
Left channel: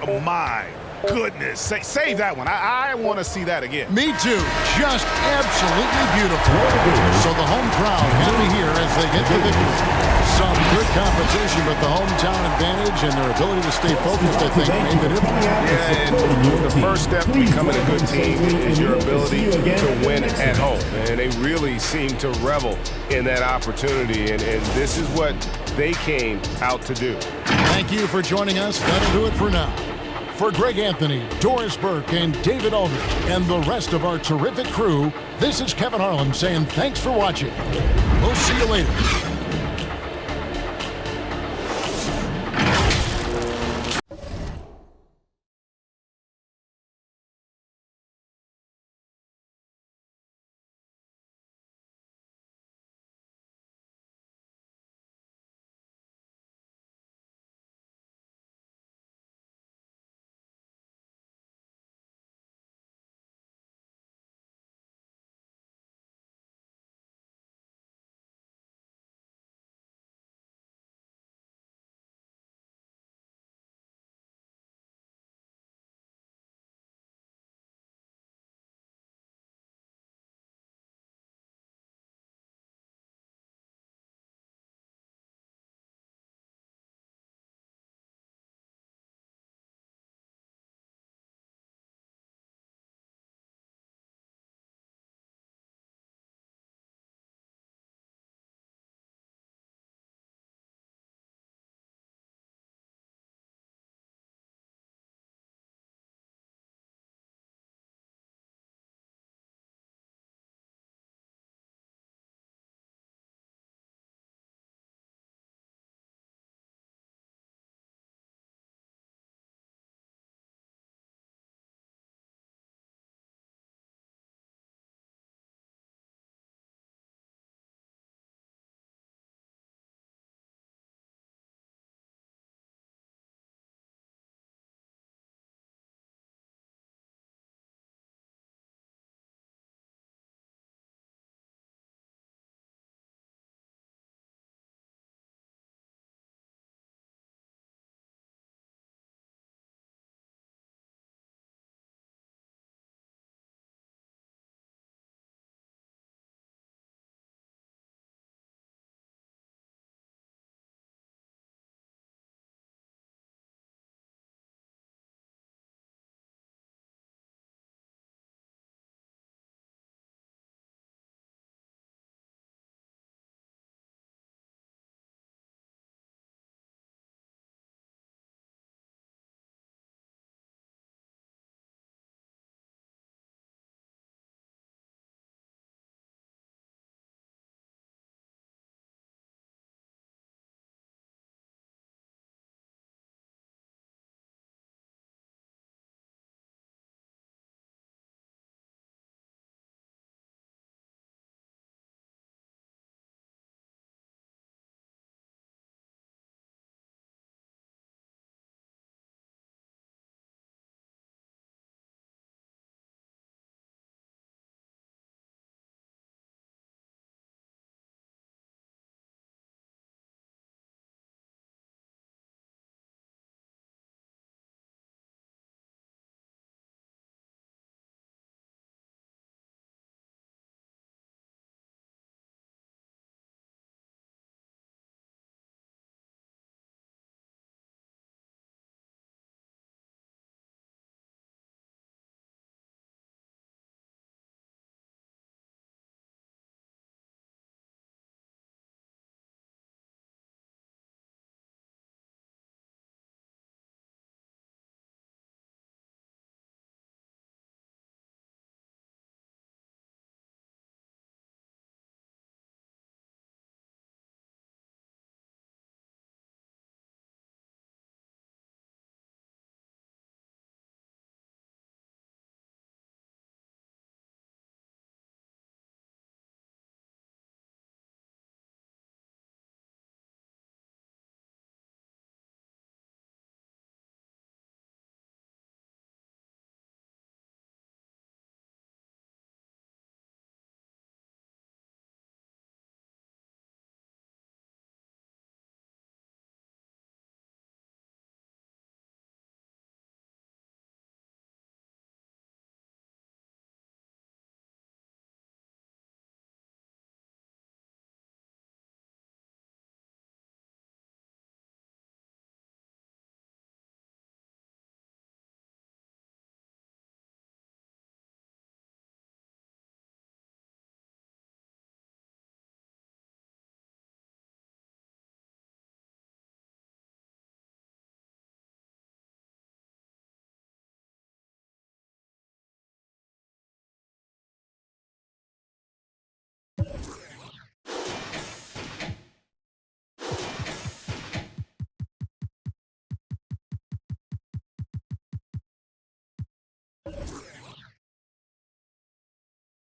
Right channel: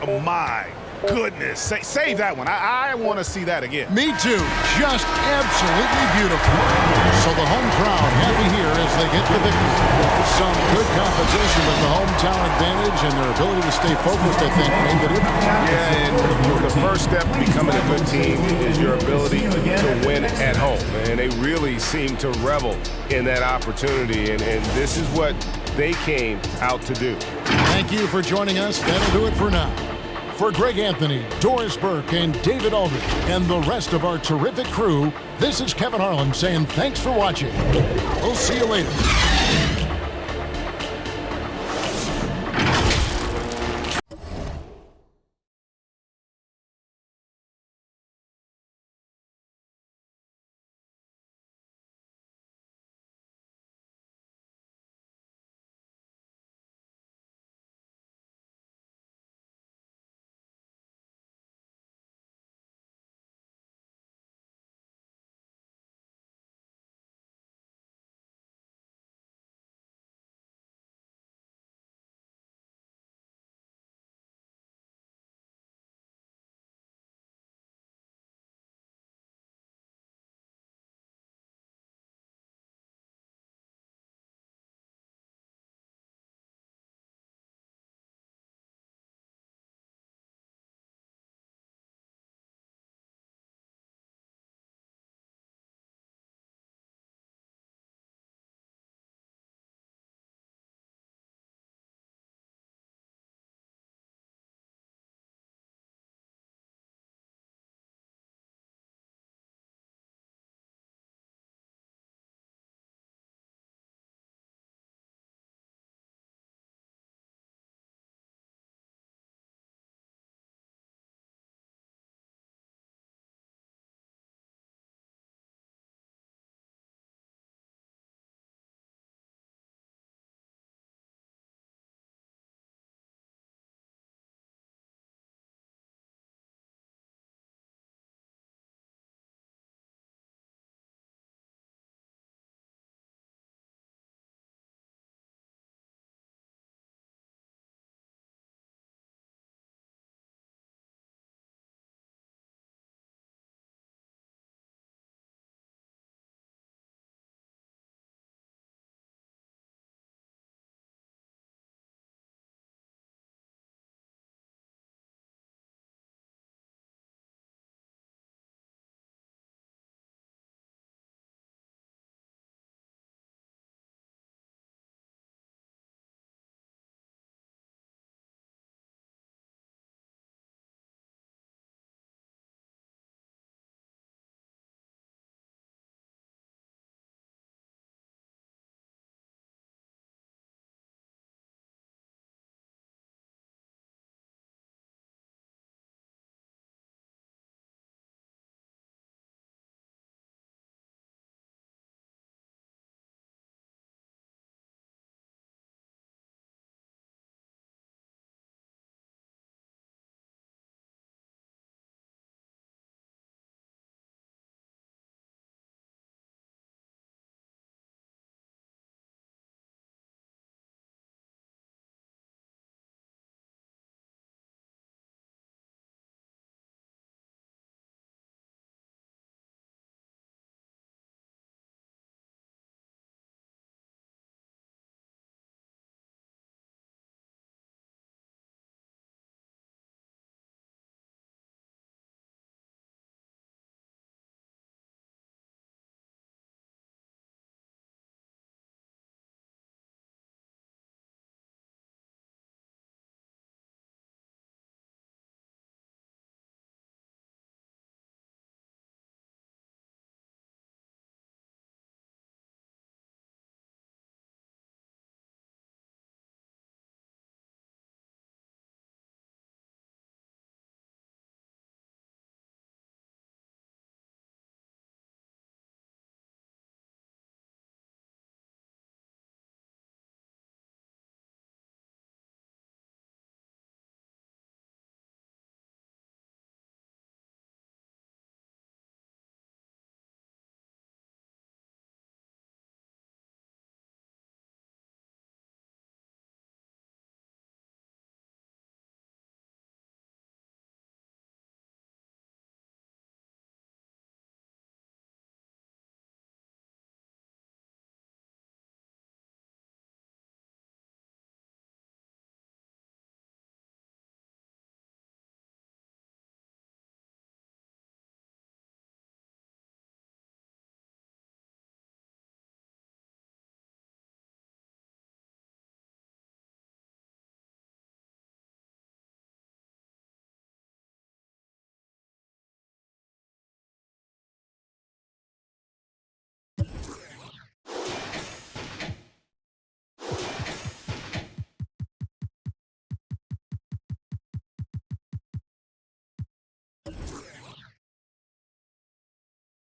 Oh, my goodness. Save that one. I want to see that again. Me too. Just absolutely beautiful. So the home crowd happy here as they get the victory. Some good competition, but the hometown advantage and their ability to stay focused, I think, made the difference. Yeah, and the first step to becoming a good team is your ability to win at home. And they really seem to revel in that opportunity, and this is what they came out to do. Thank you for joining us. That'll do it for now. For Greg Anthony, Doris Burke, and David Aldridge, and the rest of our terrific crew, this is Kevin Harlan saying thanks for watching. We'll see you later.